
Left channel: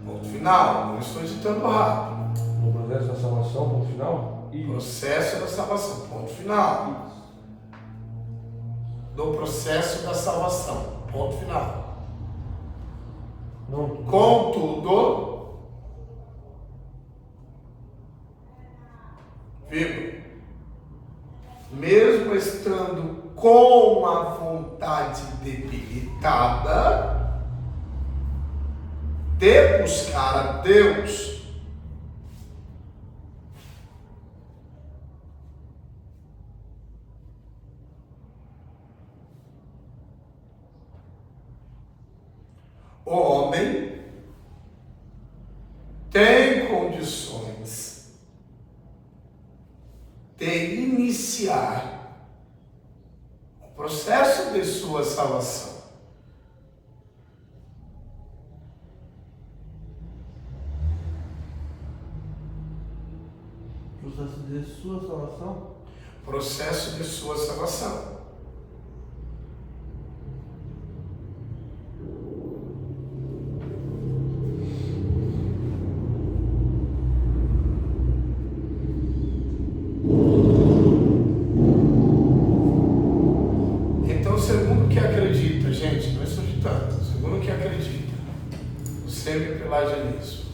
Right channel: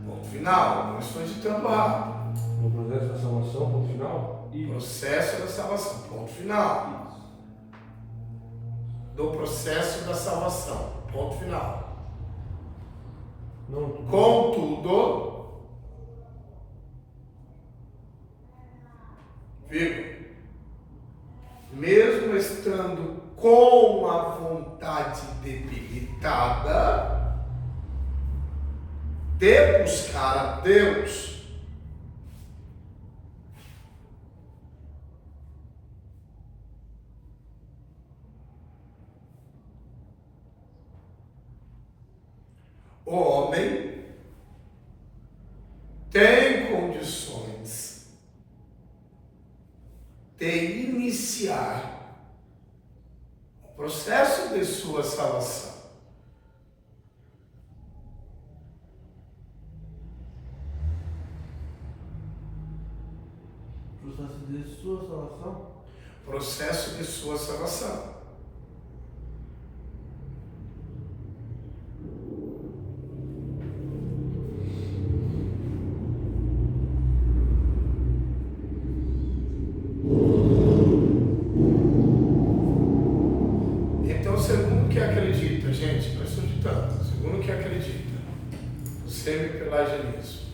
Ponto final, não estou editando rápido. no processo da salvação, ponto final. Processo da salvação, ponto final. Do processo da salvação, ponto final. Não, tudo. Contudo, vírgula, mesmo estando com a vontade debilitada de buscar a Deus, o homem tem condições de iniciar o processo de sua salvação. Processo de sua salvação? Processo de sua salvação. Então, segundo o que acredita, gente, não estou ditando, segundo o que acredita, o semi-pelagianismo,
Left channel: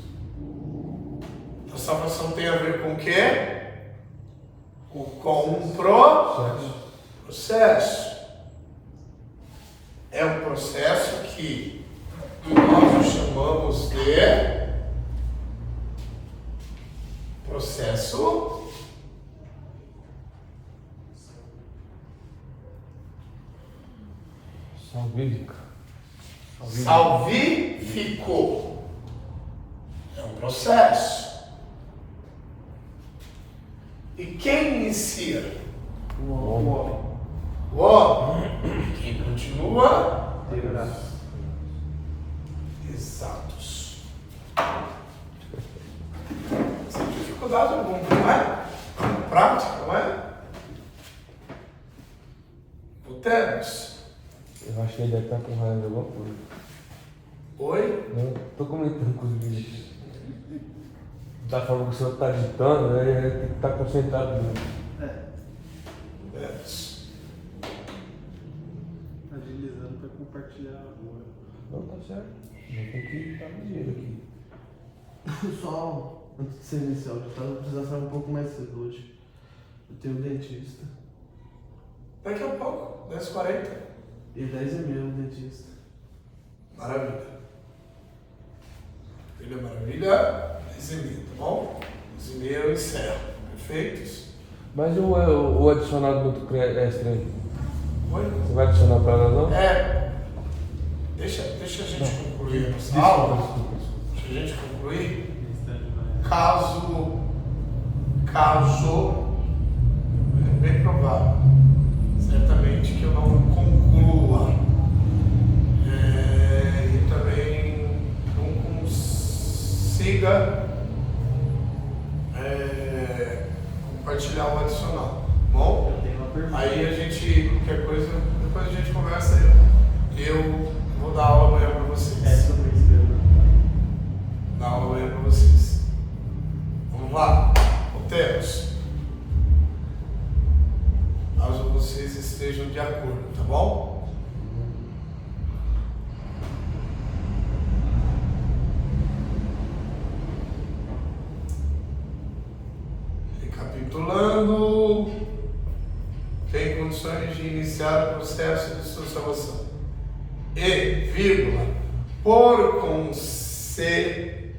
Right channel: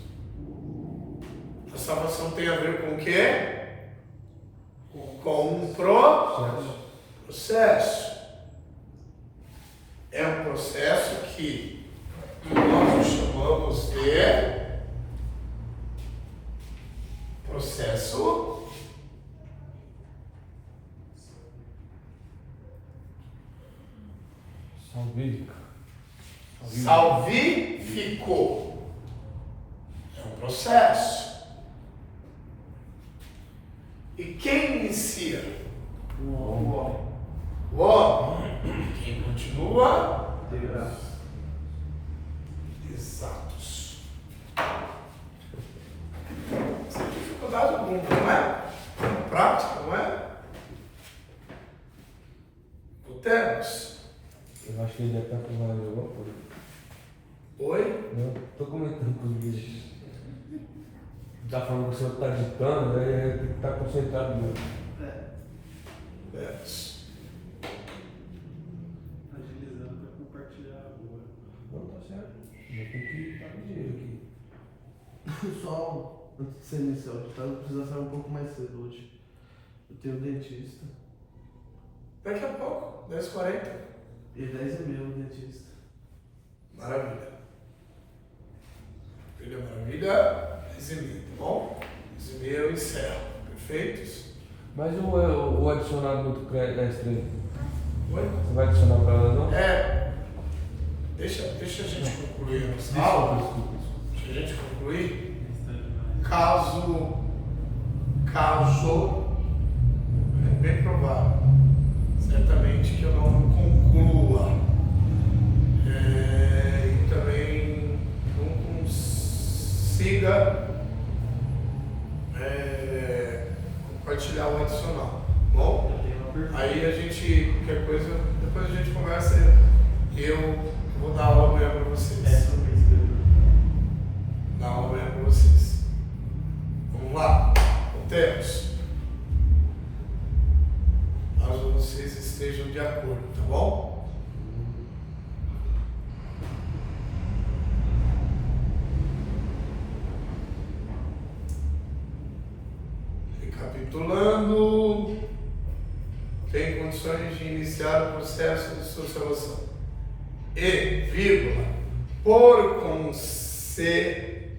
a salvação tem a ver com o quê? Com um processo. É um processo que nós chamamos de processo salvífico. É um processo. E quem inicia? O homem. O homem. Quem continua? Deverá. Exatos. Sem dificuldade alguma, não é? Prática, não é? Voltemos. Eu acho que ele deve estar com raiva de alguma coisa. Oi? Não, tô comentando com os bichos. Da forma que o senhor está ditando, ele tem que estar concentrado mesmo. Voltemos. Agilizando para compartilhar agora. Não, tá certo. Eu tenho que estar ligeiro aqui. Pessoal, antes de ser inicial, eu precisava sair um pouco mais cedo hoje. Eu tenho dentista. Daqui a pouco, 10h40. E 10 é meu, dentista. Maravilha. Filha Maravilha, 10,5, tá bom? 10,5 eu encerro. Perfeito? Isso. Mas o adicionado muito extra aí? Oi? Você vai adicionar para ela não? Deixa a gente concluir a nossa Desculpa, aula. desculpa. Deixa a gente concluir. Necessidade de Caso, é bem provável, certamente que eu não conclua e também não consiga compartilhar o adicional, bom? Eu tenho uma pergunta. Aí a gente, qualquer coisa, depois a gente conversa e eu vou dar aula amanhã para vocês. Essa eu não escrevo. Dar aula amanhã para vocês. Vamos lá, voltemos. Caso vocês estejam de acordo, tá bom? Recapitulando, tem condições de iniciar o processo de sua salvação. E, vírgula, por conseguinte,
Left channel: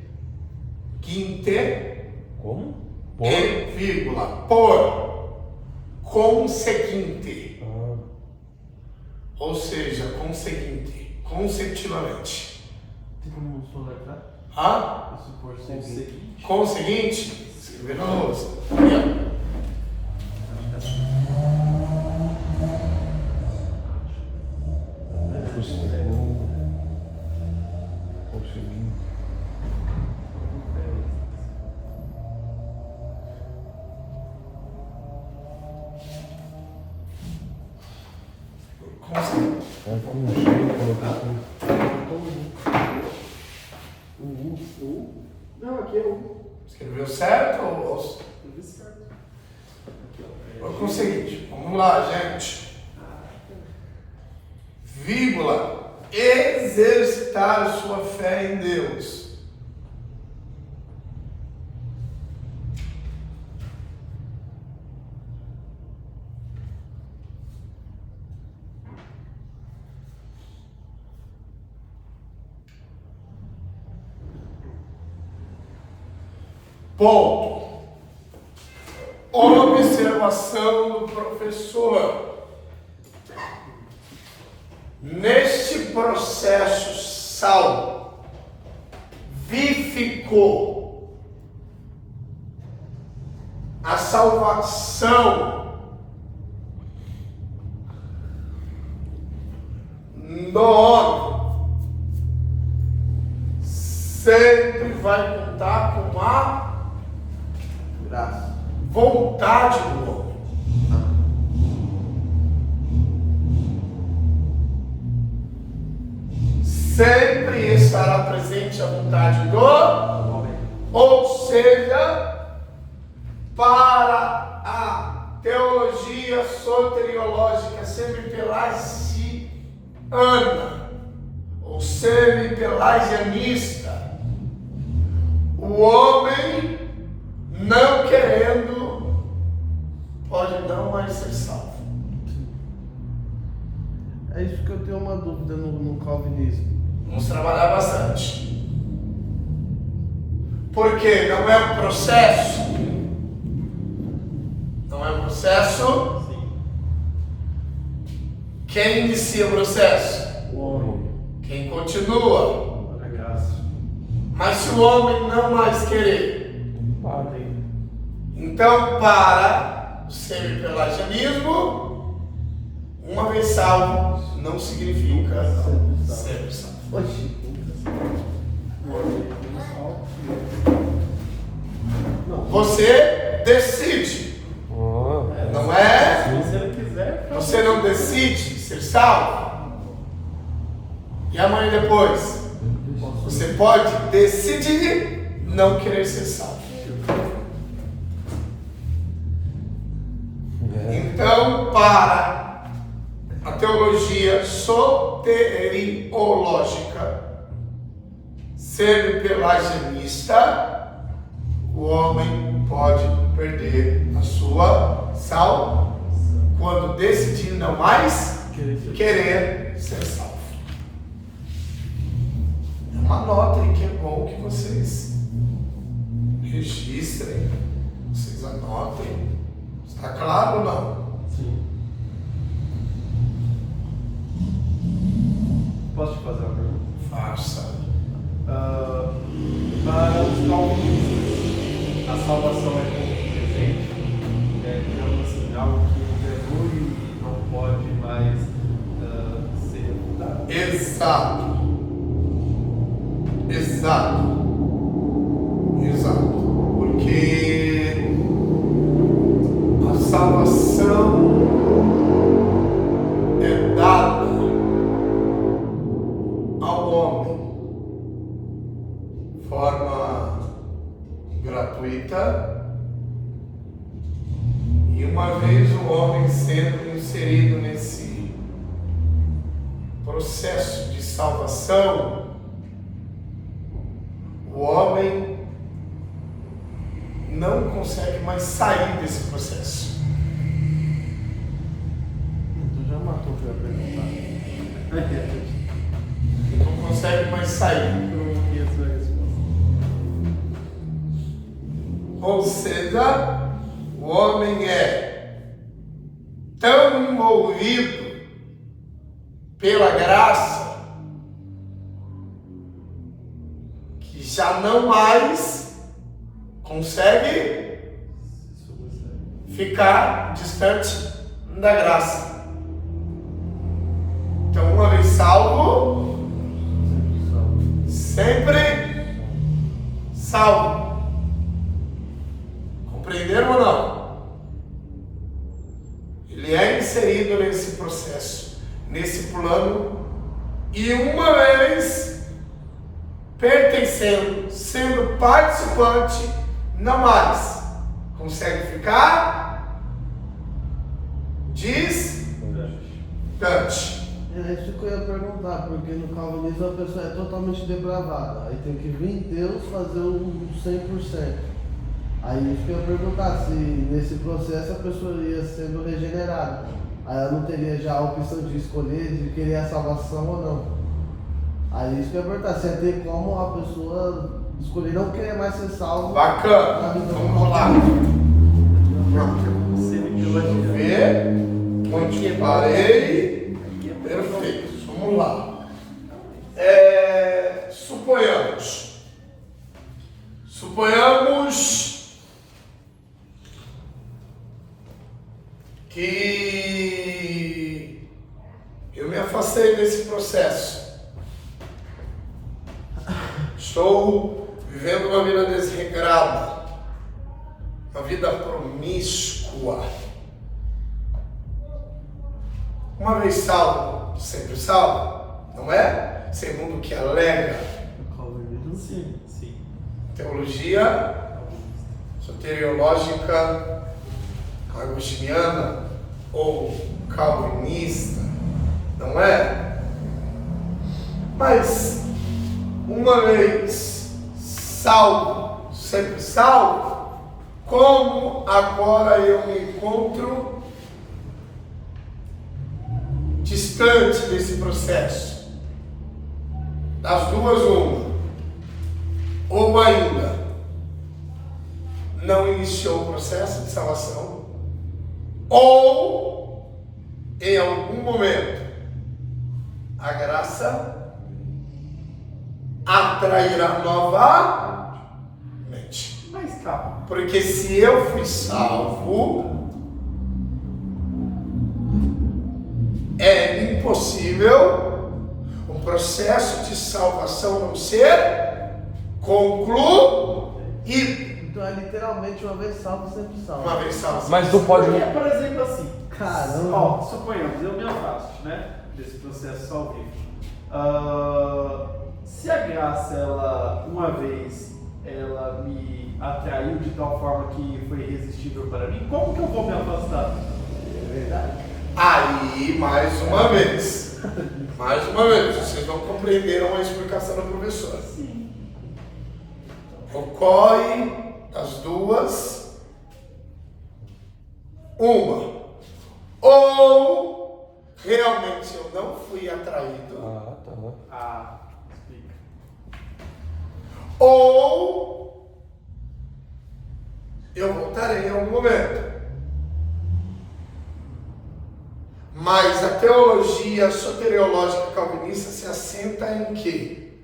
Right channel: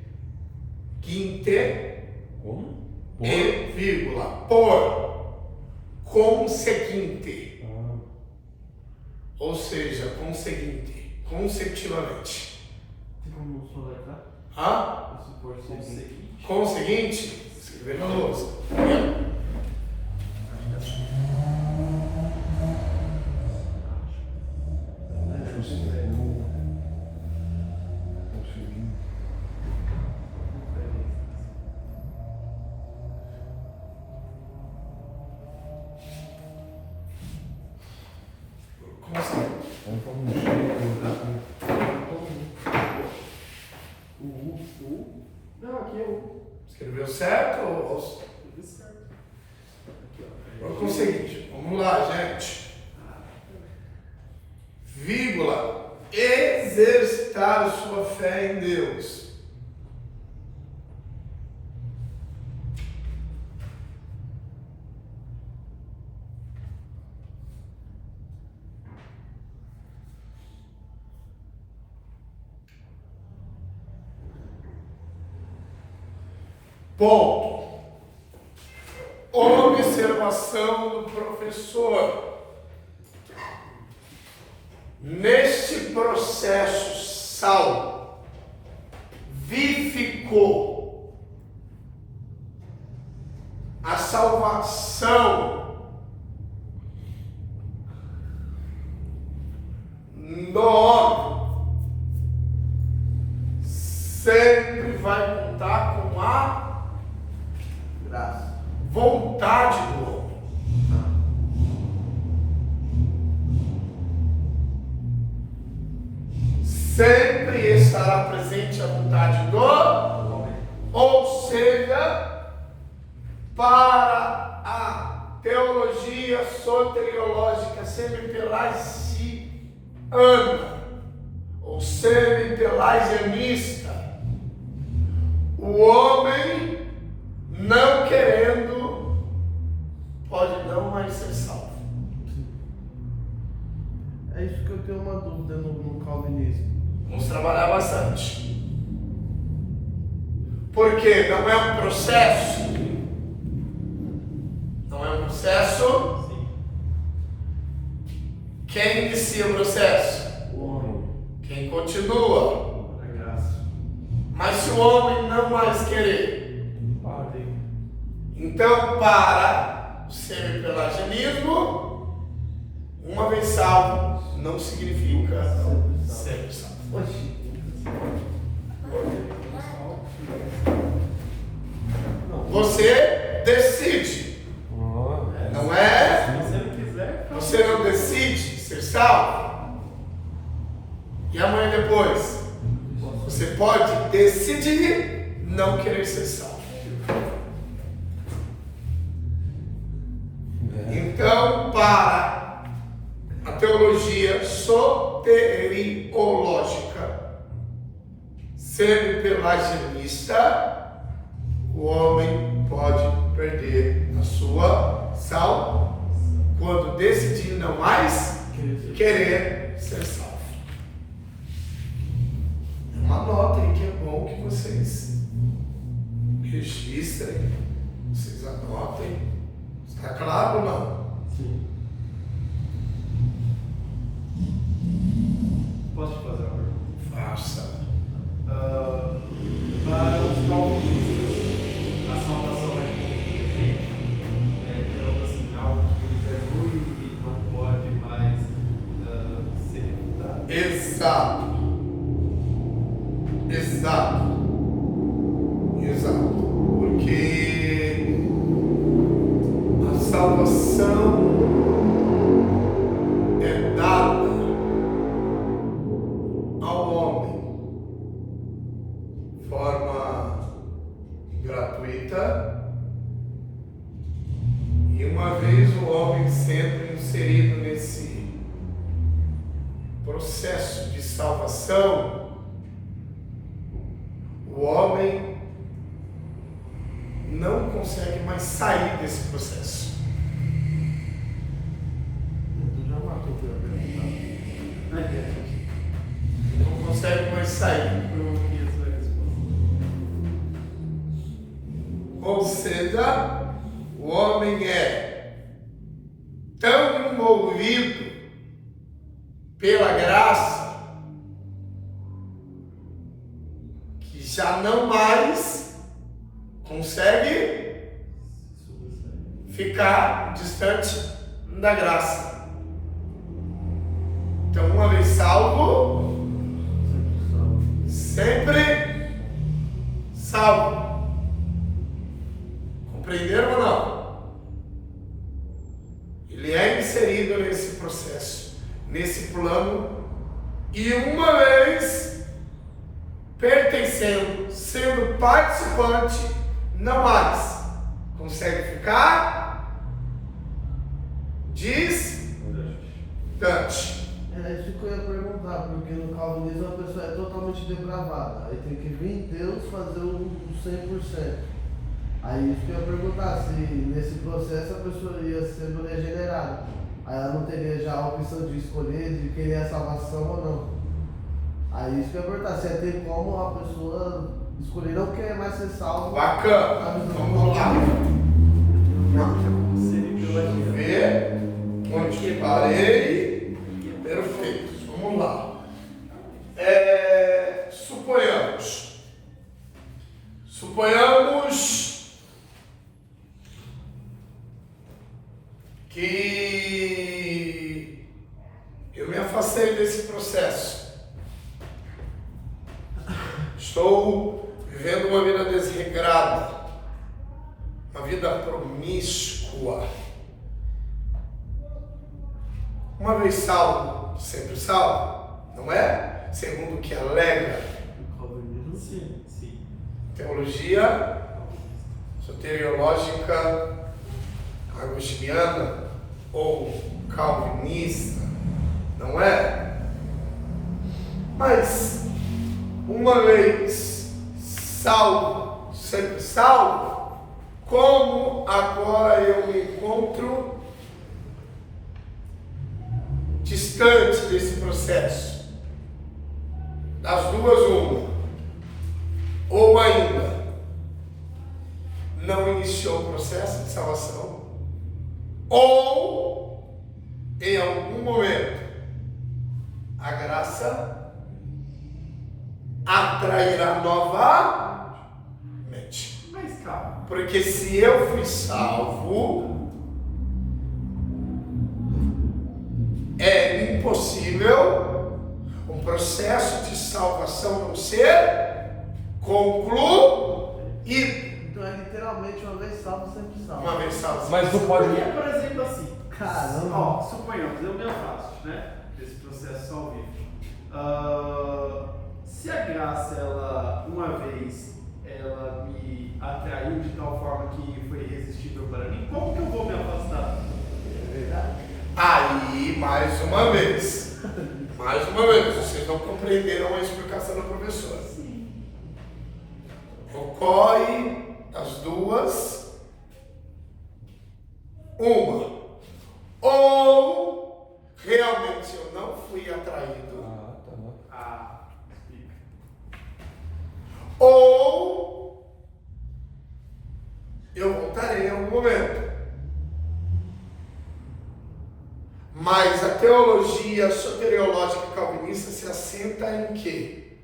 Como? e, vírgula, por conseguinte, ou seja, conseguinte, consecutivamente. Tem como soletrar? Ah? Se for seguinte. Conseguinte, escrever na lousa. Consegui. Conseguinte. Vamos pôr um cheio, colocar Não, aqui é o. Escreveu certo ou Escrevi certo. Aqui, ó. foi conseguinte? Vamos lá, gente. Vírgula, exercitar sua fé em Deus. Ponto. Observação do professor. Neste processo salvificou a salvação no homem. Sempre vai contar com a Graça. vontade do homem. Sempre estará presente a vontade do homem. Ou seja, para a teologia soteriológica semi-pelagiana ou semi-pelagianista, o homem não querendo pode não mais ser salvo. É isso que eu tenho uma dúvida no calvinismo. Vamos trabalhar bastante. Porque não é um processo. Não é um processo. Quem inicia o processo? O homem. Quem continua. A graça. Mas se o homem não mais querer, então para o semi-pelagianismo, uma vez salvo não significa sempre salvo. Oxi. Você decide, não é? Se ele quiser. Você não decide ser salvo. E amanhã depois, você pode decidir não querer ser salvo. Então, para a teologia soteriológica semi-pelagianista, o homem pode perder a sua salvação quando decidir não mais querer ser salvo. É uma nota aí que é bom que vocês registrem, vocês anotem. Está claro ou não? Sim. Posso te fazer uma pergunta? Faça. Para os calvinistas, a salvação é presente, digamos assim, algo que é ruim e não pode mais ser refutado. Exato. Porque a salvação é dada ao homem de forma gratuita, e uma vez o homem sendo inserido nesse processo de salvação, o homem não consegue mais sair desse processo. Tu já matou o que eu ia perguntar. Ele não consegue mais sair. Eu não queria saber a resposta. Ou seja, o homem é tão envolvido pela graça que já não mais consegue ficar distante da graça. Então, uma vez salvo, sempre salvo. Compreenderam ou não? Ele é inserido nesse processo, nesse plano, e uma vez pertencendo, sendo participante, não mais consegue ficar distante. É isso que eu ia perguntar, porque no calvinismo a pessoa é totalmente depravada. Aí tem que vir Deus fazer o 100%. Aí isso que eu ia perguntar, se nesse processo a pessoa ia sendo regenerada. Aí ela não teria já a opção de escolher, de querer a salvação ou não. Aí isso que eu ia perguntar, se ia ter como a pessoa escolher não querer mais ser salvo. Bacana. Vamos lá. Vamos ver onde parei. Perfeito. Vamos lá. Suponhamos que eu me afastei desse processo. Estou vivendo uma vida desregrada, uma vida promíscua. Uma vez salvo, sempre salvo, não é? Segundo o que alega Sim, sim. teologia soteriológica agostiniana ou calvinista, não é? Mas uma vez salvo, sempre salvo, como agora eu me encontro distante desse processo? Das duas, uma. Ou ainda não iniciou o processo de salvação, ou em algum momento a graça atrairá novamente. Mas calma. Porque se eu fui salvo, é impossível um processo de salvação não ser concluído. Então é literalmente uma vez salvo, sempre salvo. Uma vez salvo. Mas não pode. Porque, por exemplo, assim, Caramba. ó, suponhamos, eu me afasto, né, desse processo salvífico. Se a graça, ela, uma vez, ela me atraiu de tal forma que foi irresistível para mim, como que eu vou me afastar? É verdade. Aí, mais uma vez, vocês não compreenderam a explicação do professor. Sim. Ocorre as duas, uma, ou realmente eu não fui atraído, Ah, tá bom. Ah, explica. ou eu voltarei em algum momento. Mas a teologia soteriológica calvinista se assenta em que,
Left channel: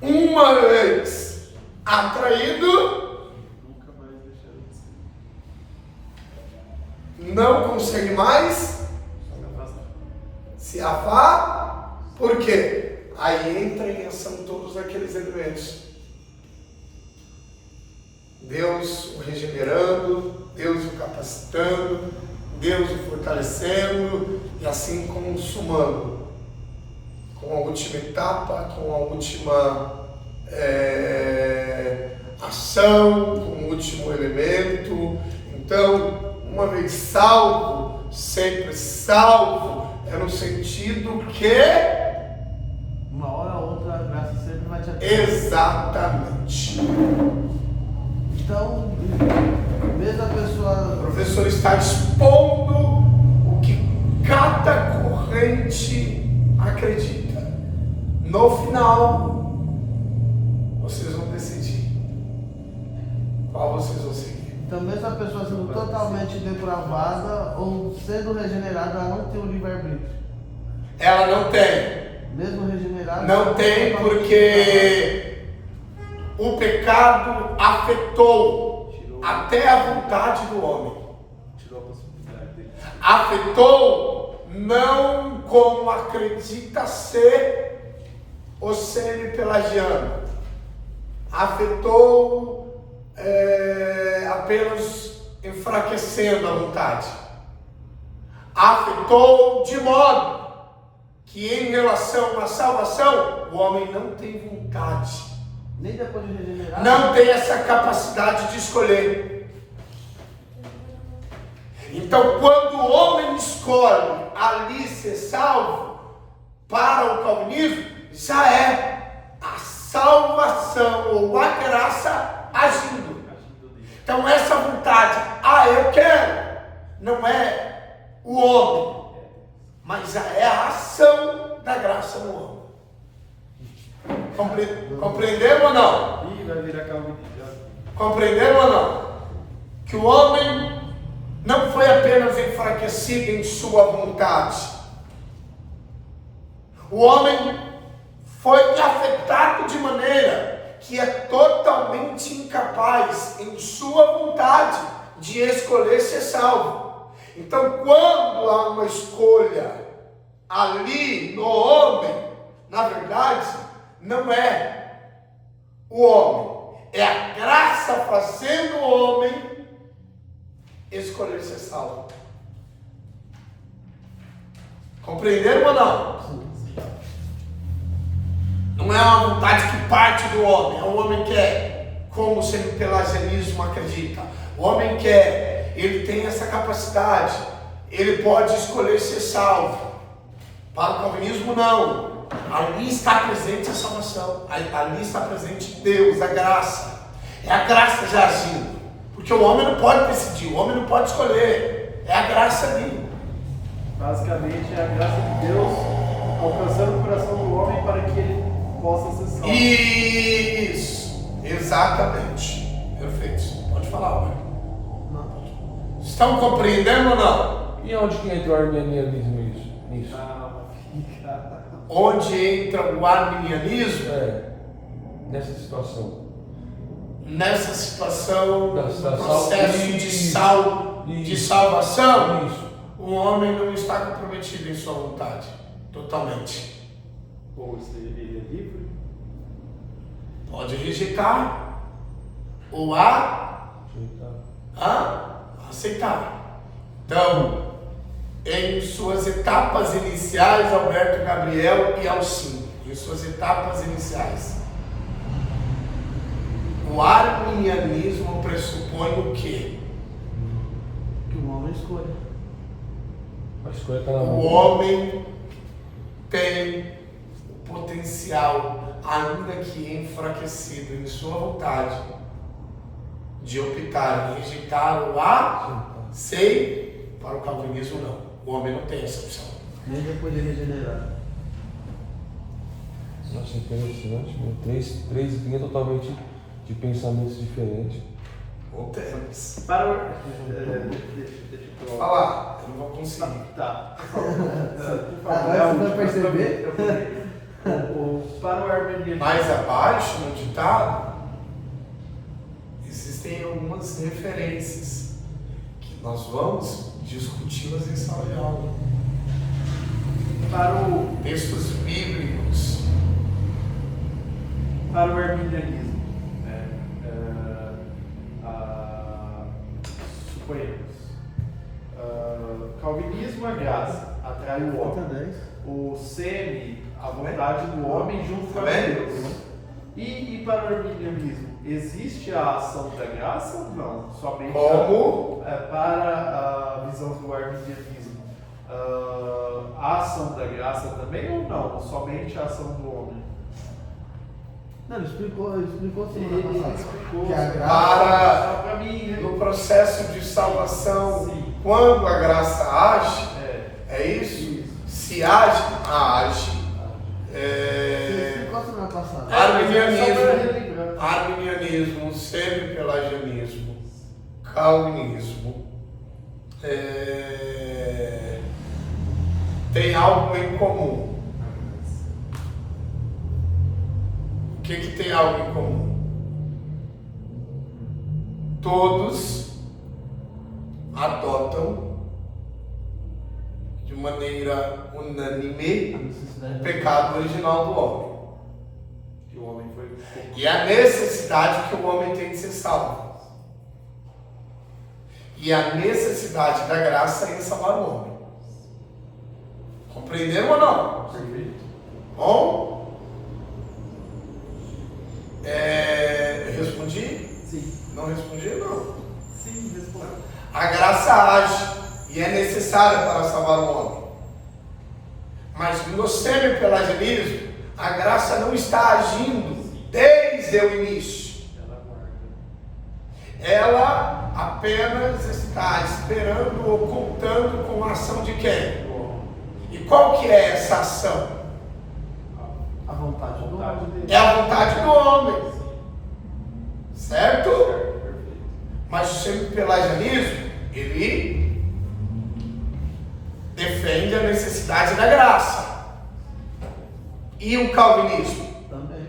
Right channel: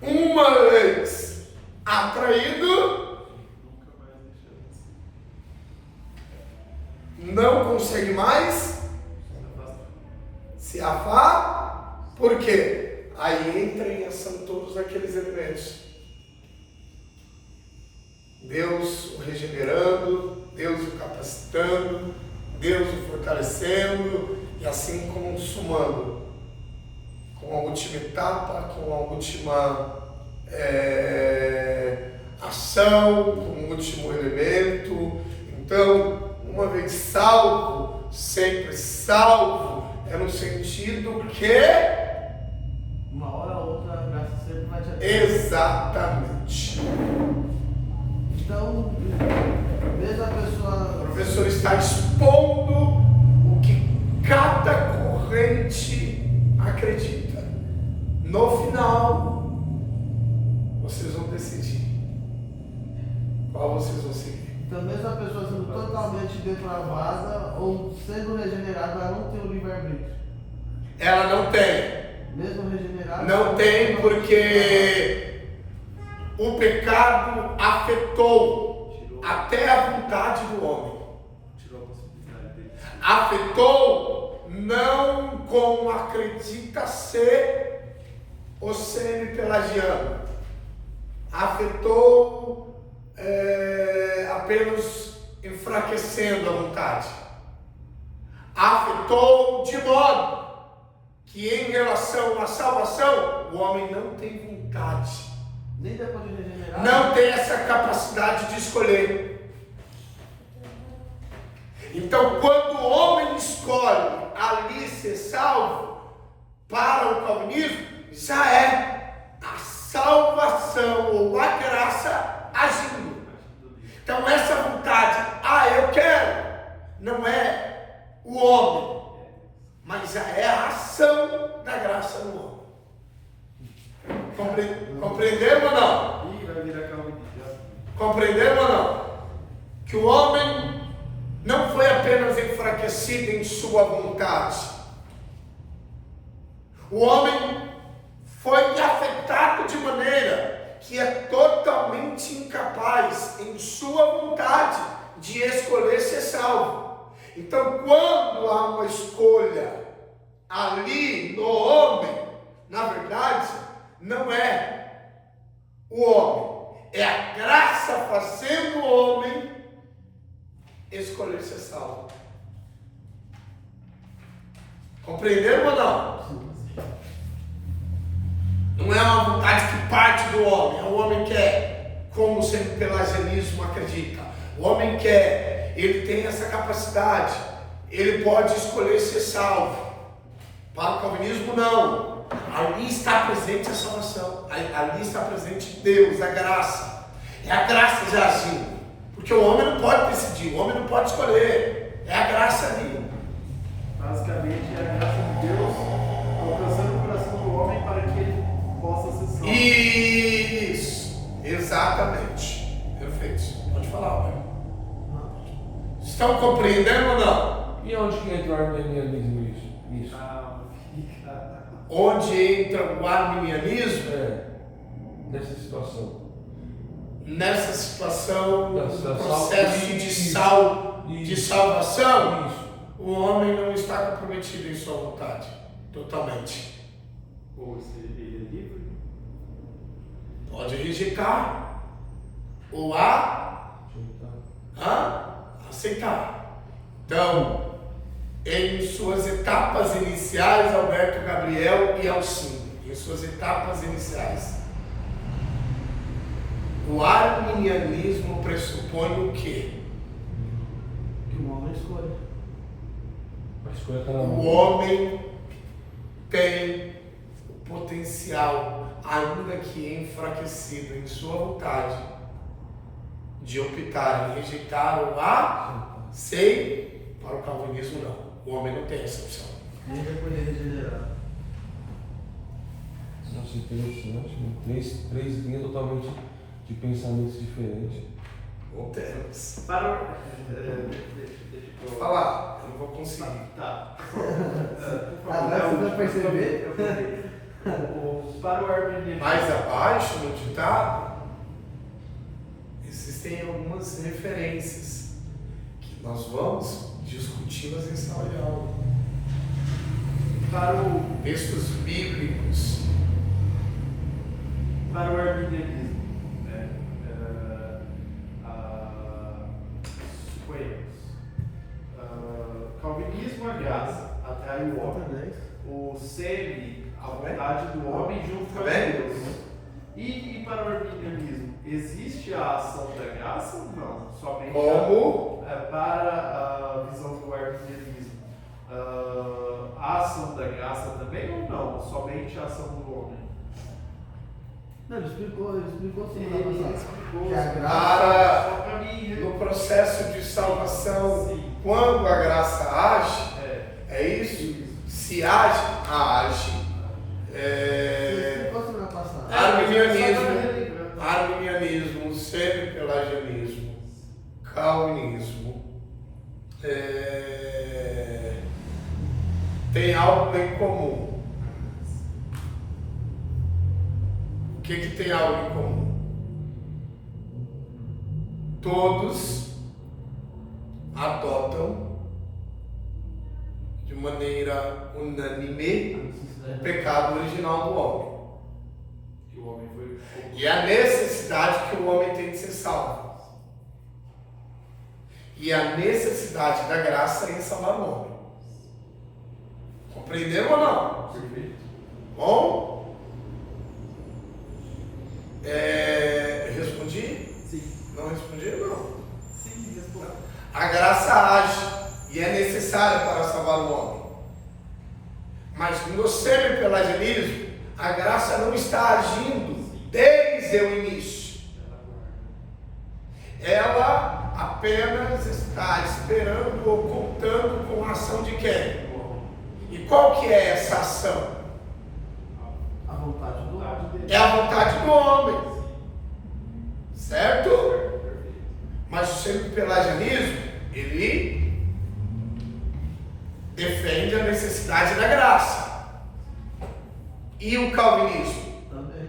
uma vez atraído, Nunca mais deixando de ser. não consegue mais Só me afasta. se afastar. Por quê? Aí entra em ação todos aqueles elementos. Deus o regenerando, Deus o capacitando, Deus o fortalecendo e assim consumando. Com a última etapa, com a última ação, com o último elemento. Então, uma vez salvo, sempre salvo, é no sentido que... Uma hora ou outra a graça sempre vai te atingir. Exatamente. Então, mesmo a O pessoa. professor está expondo o que cada corrente acredita. No final, vocês vão decidir qual vocês vão seguir. Então, mesmo a pessoa sendo totalmente depravada ou sendo regenerada, ela não tem o livre-arbítrio. Ela não tem. Mesmo regenerada. Não tem porque o pecado afetou até a vontade do homem. Tirou a possibilidade dele. Afetou não como acredita ser o semi-pelagiano. Afetou apenas enfraquecendo a vontade. Afetou de modo que em relação à salvação, o homem não tem vontade. Nem depois de regenerar. Não tem essa capacidade de escolher. Então, quando o homem escolhe ali ser salvo, para o calvinismo, já é a salvação ou a graça agindo. Então, essa vontade, eu quero, não é o homem, mas já é a ação da graça no homem. Compreenderam ou não? Ih, vai virar calvinista. Compreenderam ou não? Que o homem não foi apenas enfraquecido em sua vontade. O homem foi afetado de maneira que é totalmente incapaz em sua vontade de escolher ser salvo. Então, quando há uma escolha ali no homem, na verdade, não é o homem, é a graça fazendo o homem escolher ser salvo. Compreenderam ou não? Não é uma vontade que parte do homem, é o homem que quer, como o semi-pelagianismo acredita. O homem quer, ele tem essa capacidade, ele pode escolher ser salvo. Para o calvinismo, não. Ali está presente a salvação, ali está presente Deus, a graça. É a graça já agindo, porque o homem não pode decidir, o homem não pode escolher, é a graça ali. Basicamente é a graça de Deus alcançando o coração do homem para que ele possa ser salvo. Isso, exatamente. Perfeito. Pode falar, ué. Estão compreendendo ou não? E onde que entra o arminianismo nisso? Calma, fica. Onde entra o arminianismo? Nessa situação. Nessa situação Da do salvação. processo de salvação, Isso. o homem não está comprometido em sua vontade, totalmente. Ou seja, ele é livre. Pode rejeitar ou aceitar. Então, em suas etapas iniciais, Alberto Gabriel e Alcindo, em suas etapas iniciais, o arminianismo pressupõe o quê? Que o homem escolhe. A escolha está na O mão. homem tem o potencial, ainda que enfraquecido em sua vontade, de optar em rejeitar o sei, para o calvinismo não. O homem não tem essa opção. Nem depois de regenerar. Nossa, interessante, né? Três linhas totalmente de pensamentos diferentes. Voltemos. Para o... deixa eu Falar, eu não vou conseguir. Tá. Agora você vai perceber? Para o arminianismo. Mais abaixo, no ditado, existem algumas referências que nós vamos discuti-las em sala de aula. Para o Textos bíblicos. para o arminianismo, suponhamos, calvinismo, a graça atrai o homem, o semi, a vontade do homem junto com Deus. E para o arminianismo, existe a ação da graça? Não, somente Como? para a visão do arminianismo, a ação da graça também ou não? Somente a ação do homem? Não, ele explicou semana Ele passada. explicou Que a graça. Para só para mim, né? no processo de salvação, Sim. quando a graça age, é isso? Isso. Se age, age. Explicou semana passada. Arminianismo, semi-pelagianismo, calvinismo, tem algo em comum. O que tem algo em comum? Todos adotam de maneira unânime o pecado original do homem. Que o homem foi. E a necessidade que o homem tem de ser salvo. E a necessidade da graça em salvar o homem. Compreenderam ou não? Perfeito. Bom? Eu respondi? Sim. Não respondi, não. Sim, responde. A graça age e é necessária para salvar o homem. Mas no semi-pelagianismo, a graça não está agindo desde o início. Ela apenas está esperando ou contando com a ação de quem? E qual que é essa ação? A vontade do homem. É a vontade do homem. Certo? Mas o semi-pelagianismo, ele defende a necessidade da graça. E o calvinismo?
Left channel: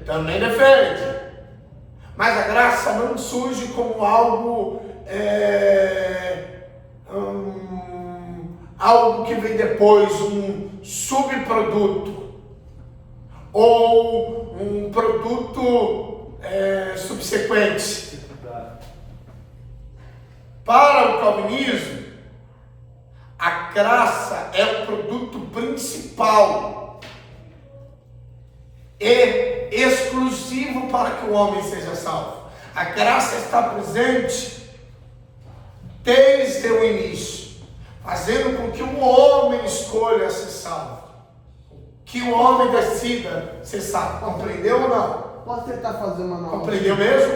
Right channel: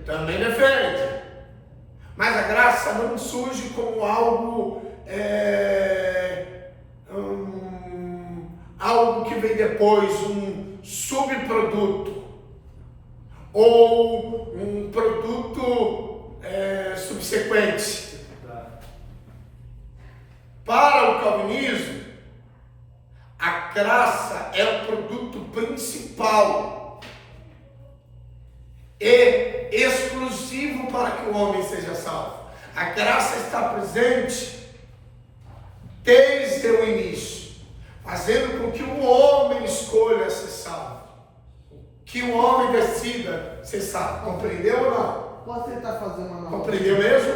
Também defende. Mas a graça não surge como algo algo que vem depois, um subproduto ou um produto subsequente. Para o calvinismo, a graça é o produto principal e exclusivo para que o homem seja salvo. A graça está presente desde o início, fazendo com que o homem escolha ser salvo, que o homem decida ser salvo. Compreendeu ou não? Posso tentar fazer uma analogia? Compreendeu mesmo?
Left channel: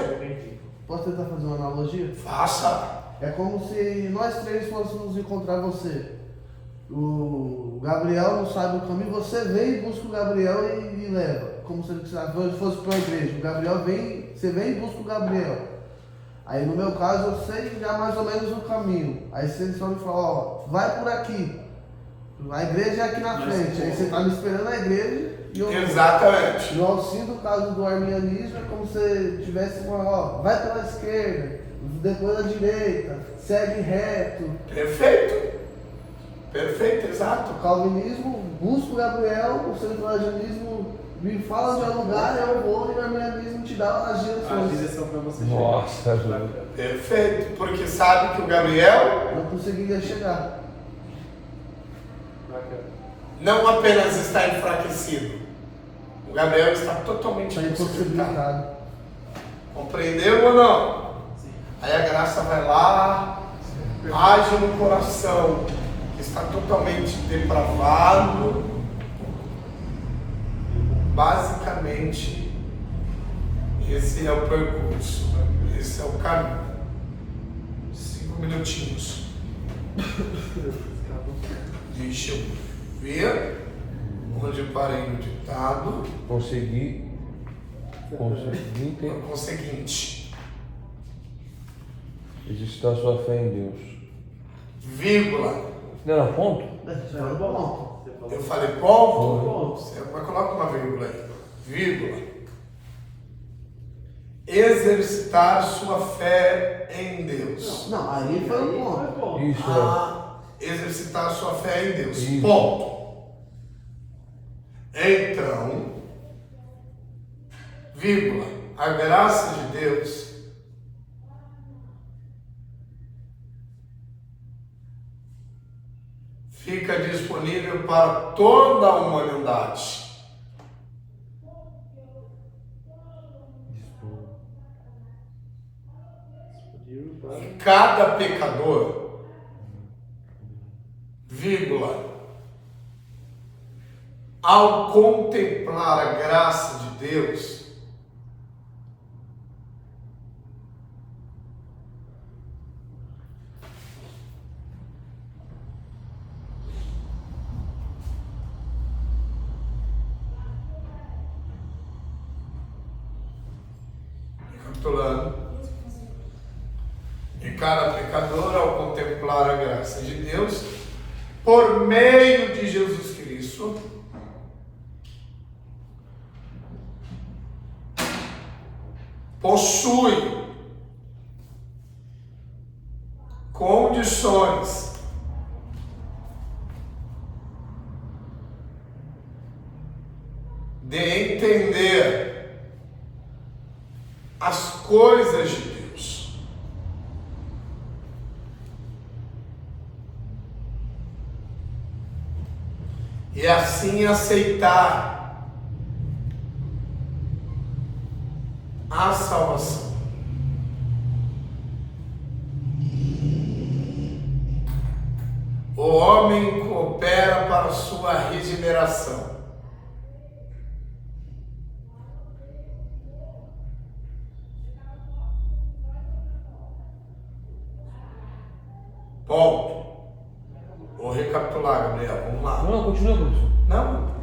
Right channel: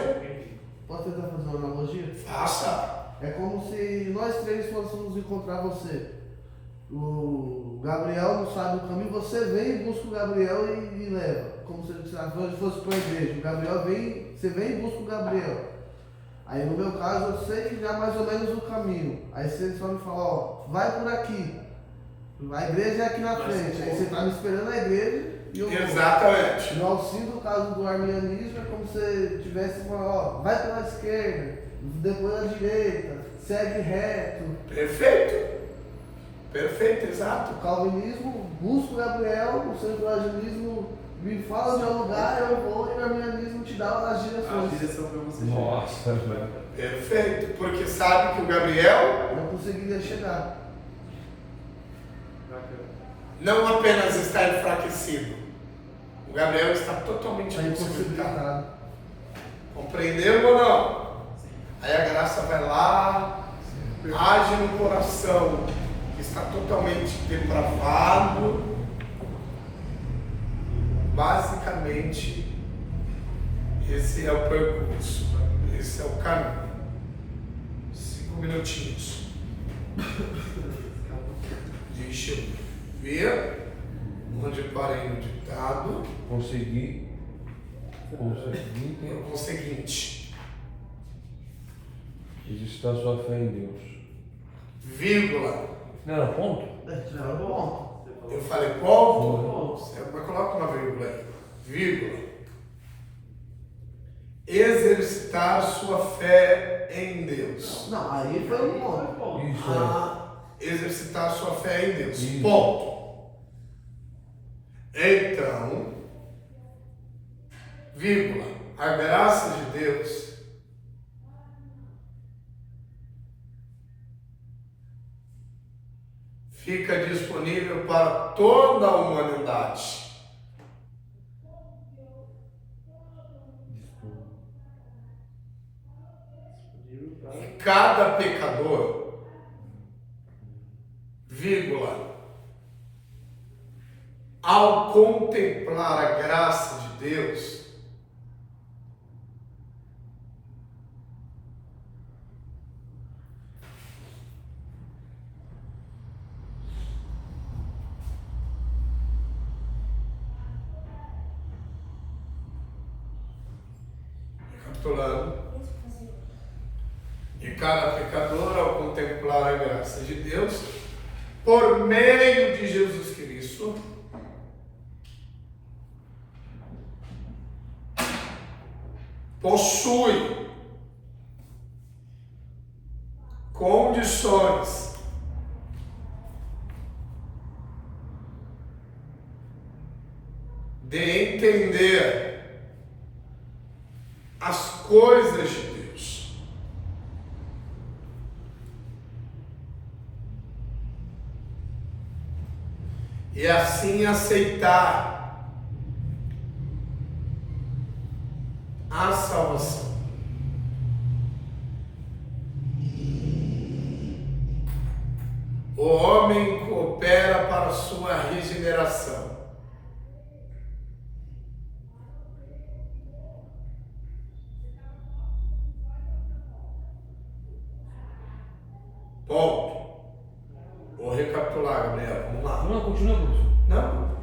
Posso tentar fazer uma analogia? Faça. É como se nós três fôssemos encontrar você. O Gabriel não sabe o caminho, você vem e busca o Gabriel e leva. Como se fosse para uma igreja. O Gabriel vem, você vem e busca o Gabriel. Aí no meu caso eu sei já mais ou menos o caminho. Aí você só me fala, ó, vai por aqui. A igreja é aqui na frente. Aí você está me esperando na igreja e eu. Exatamente. No auxílio, caso do arminianismo, é como se você tivesse falando, ó, vai pela esquerda, depois da direita, segue reto. Perfeito. Perfeito, exato. O calvinismo busca o Gabriel, o centralismo me fala de um lugar, eu vou, e o arminianismo te dá as A direções. direção para você Nossa, chegar. Perfeito, porque sabe que o Gabriel Não conseguiria chegar. Bacana. não apenas está enfraquecido, o Gabriel está totalmente É impossibilitado. impossibilitado. Compreendeu ou não? Aí a graça vai lá, age no coração que está totalmente depravado. Basicamente, esse é o percurso, esse é o caminho. 5 minutinhos. Deixa eu Ver onde parei no ditado. Conseguir ter O conseguinte, exercitar sua fé em Deus. vírgula. Não era ponto? Eu falei ponto, você vai colocar uma vírgula aí. Vírgula. Exercitar sua fé em Deus. Não, aí ele fala ponto. Isso Exercitar sua fé em Deus. Isso. Ponto. Então, vírgula, a graça de Deus fica disponível para toda a humanidade. E cada pecador, vírgula, ao contemplar a graça de Deus, recapitulando, e cada pecador, ao contemplar a graça de Deus, por meio de Jesus Cristo, possui condições de entender as coisas de Deus. E assim aceitar a salvação. O homem coopera para sua regeneração. Ponto. Vou recapitular, Gabriel. Vamos lá. Não, continua, professor. Não,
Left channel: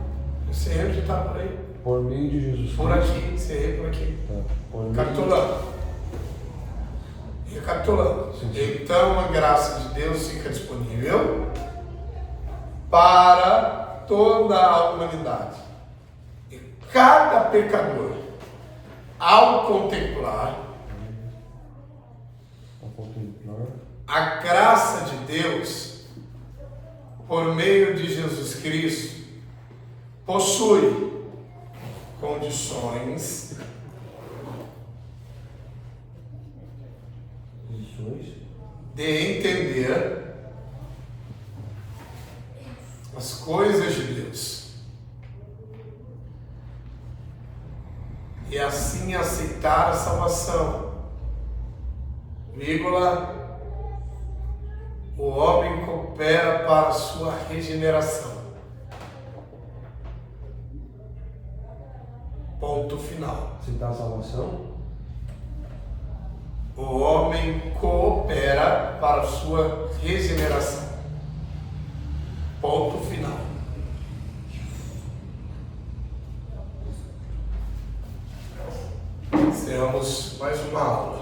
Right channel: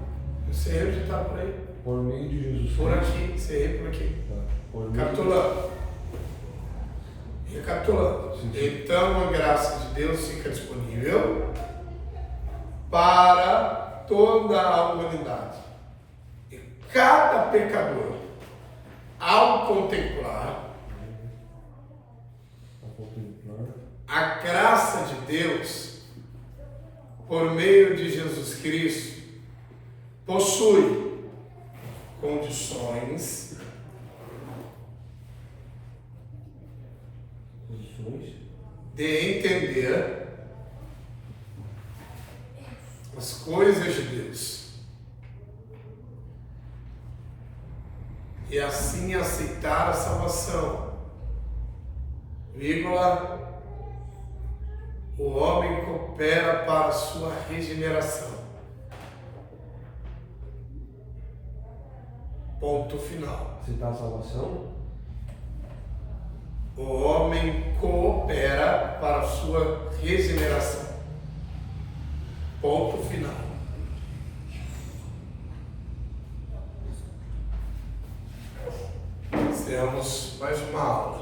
você erro já está por aí. Por meio de Jesus Por Cristo. aqui, você erra por aqui. Tá. Por meio Recapitulando. Recapitulando. Sim, sim. Então a graça de Deus fica disponível para toda a humanidade. E cada pecador, ao contemplar a graça de Deus por meio de Jesus Cristo, possui condições de entender as coisas de Deus e assim aceitar a salvação, vírgula, o homem coopera para a sua regeneração. Ponto final. Aceitar a salvação. O homem coopera para a sua regeneração. Ponto final. Encerramos mais uma aula.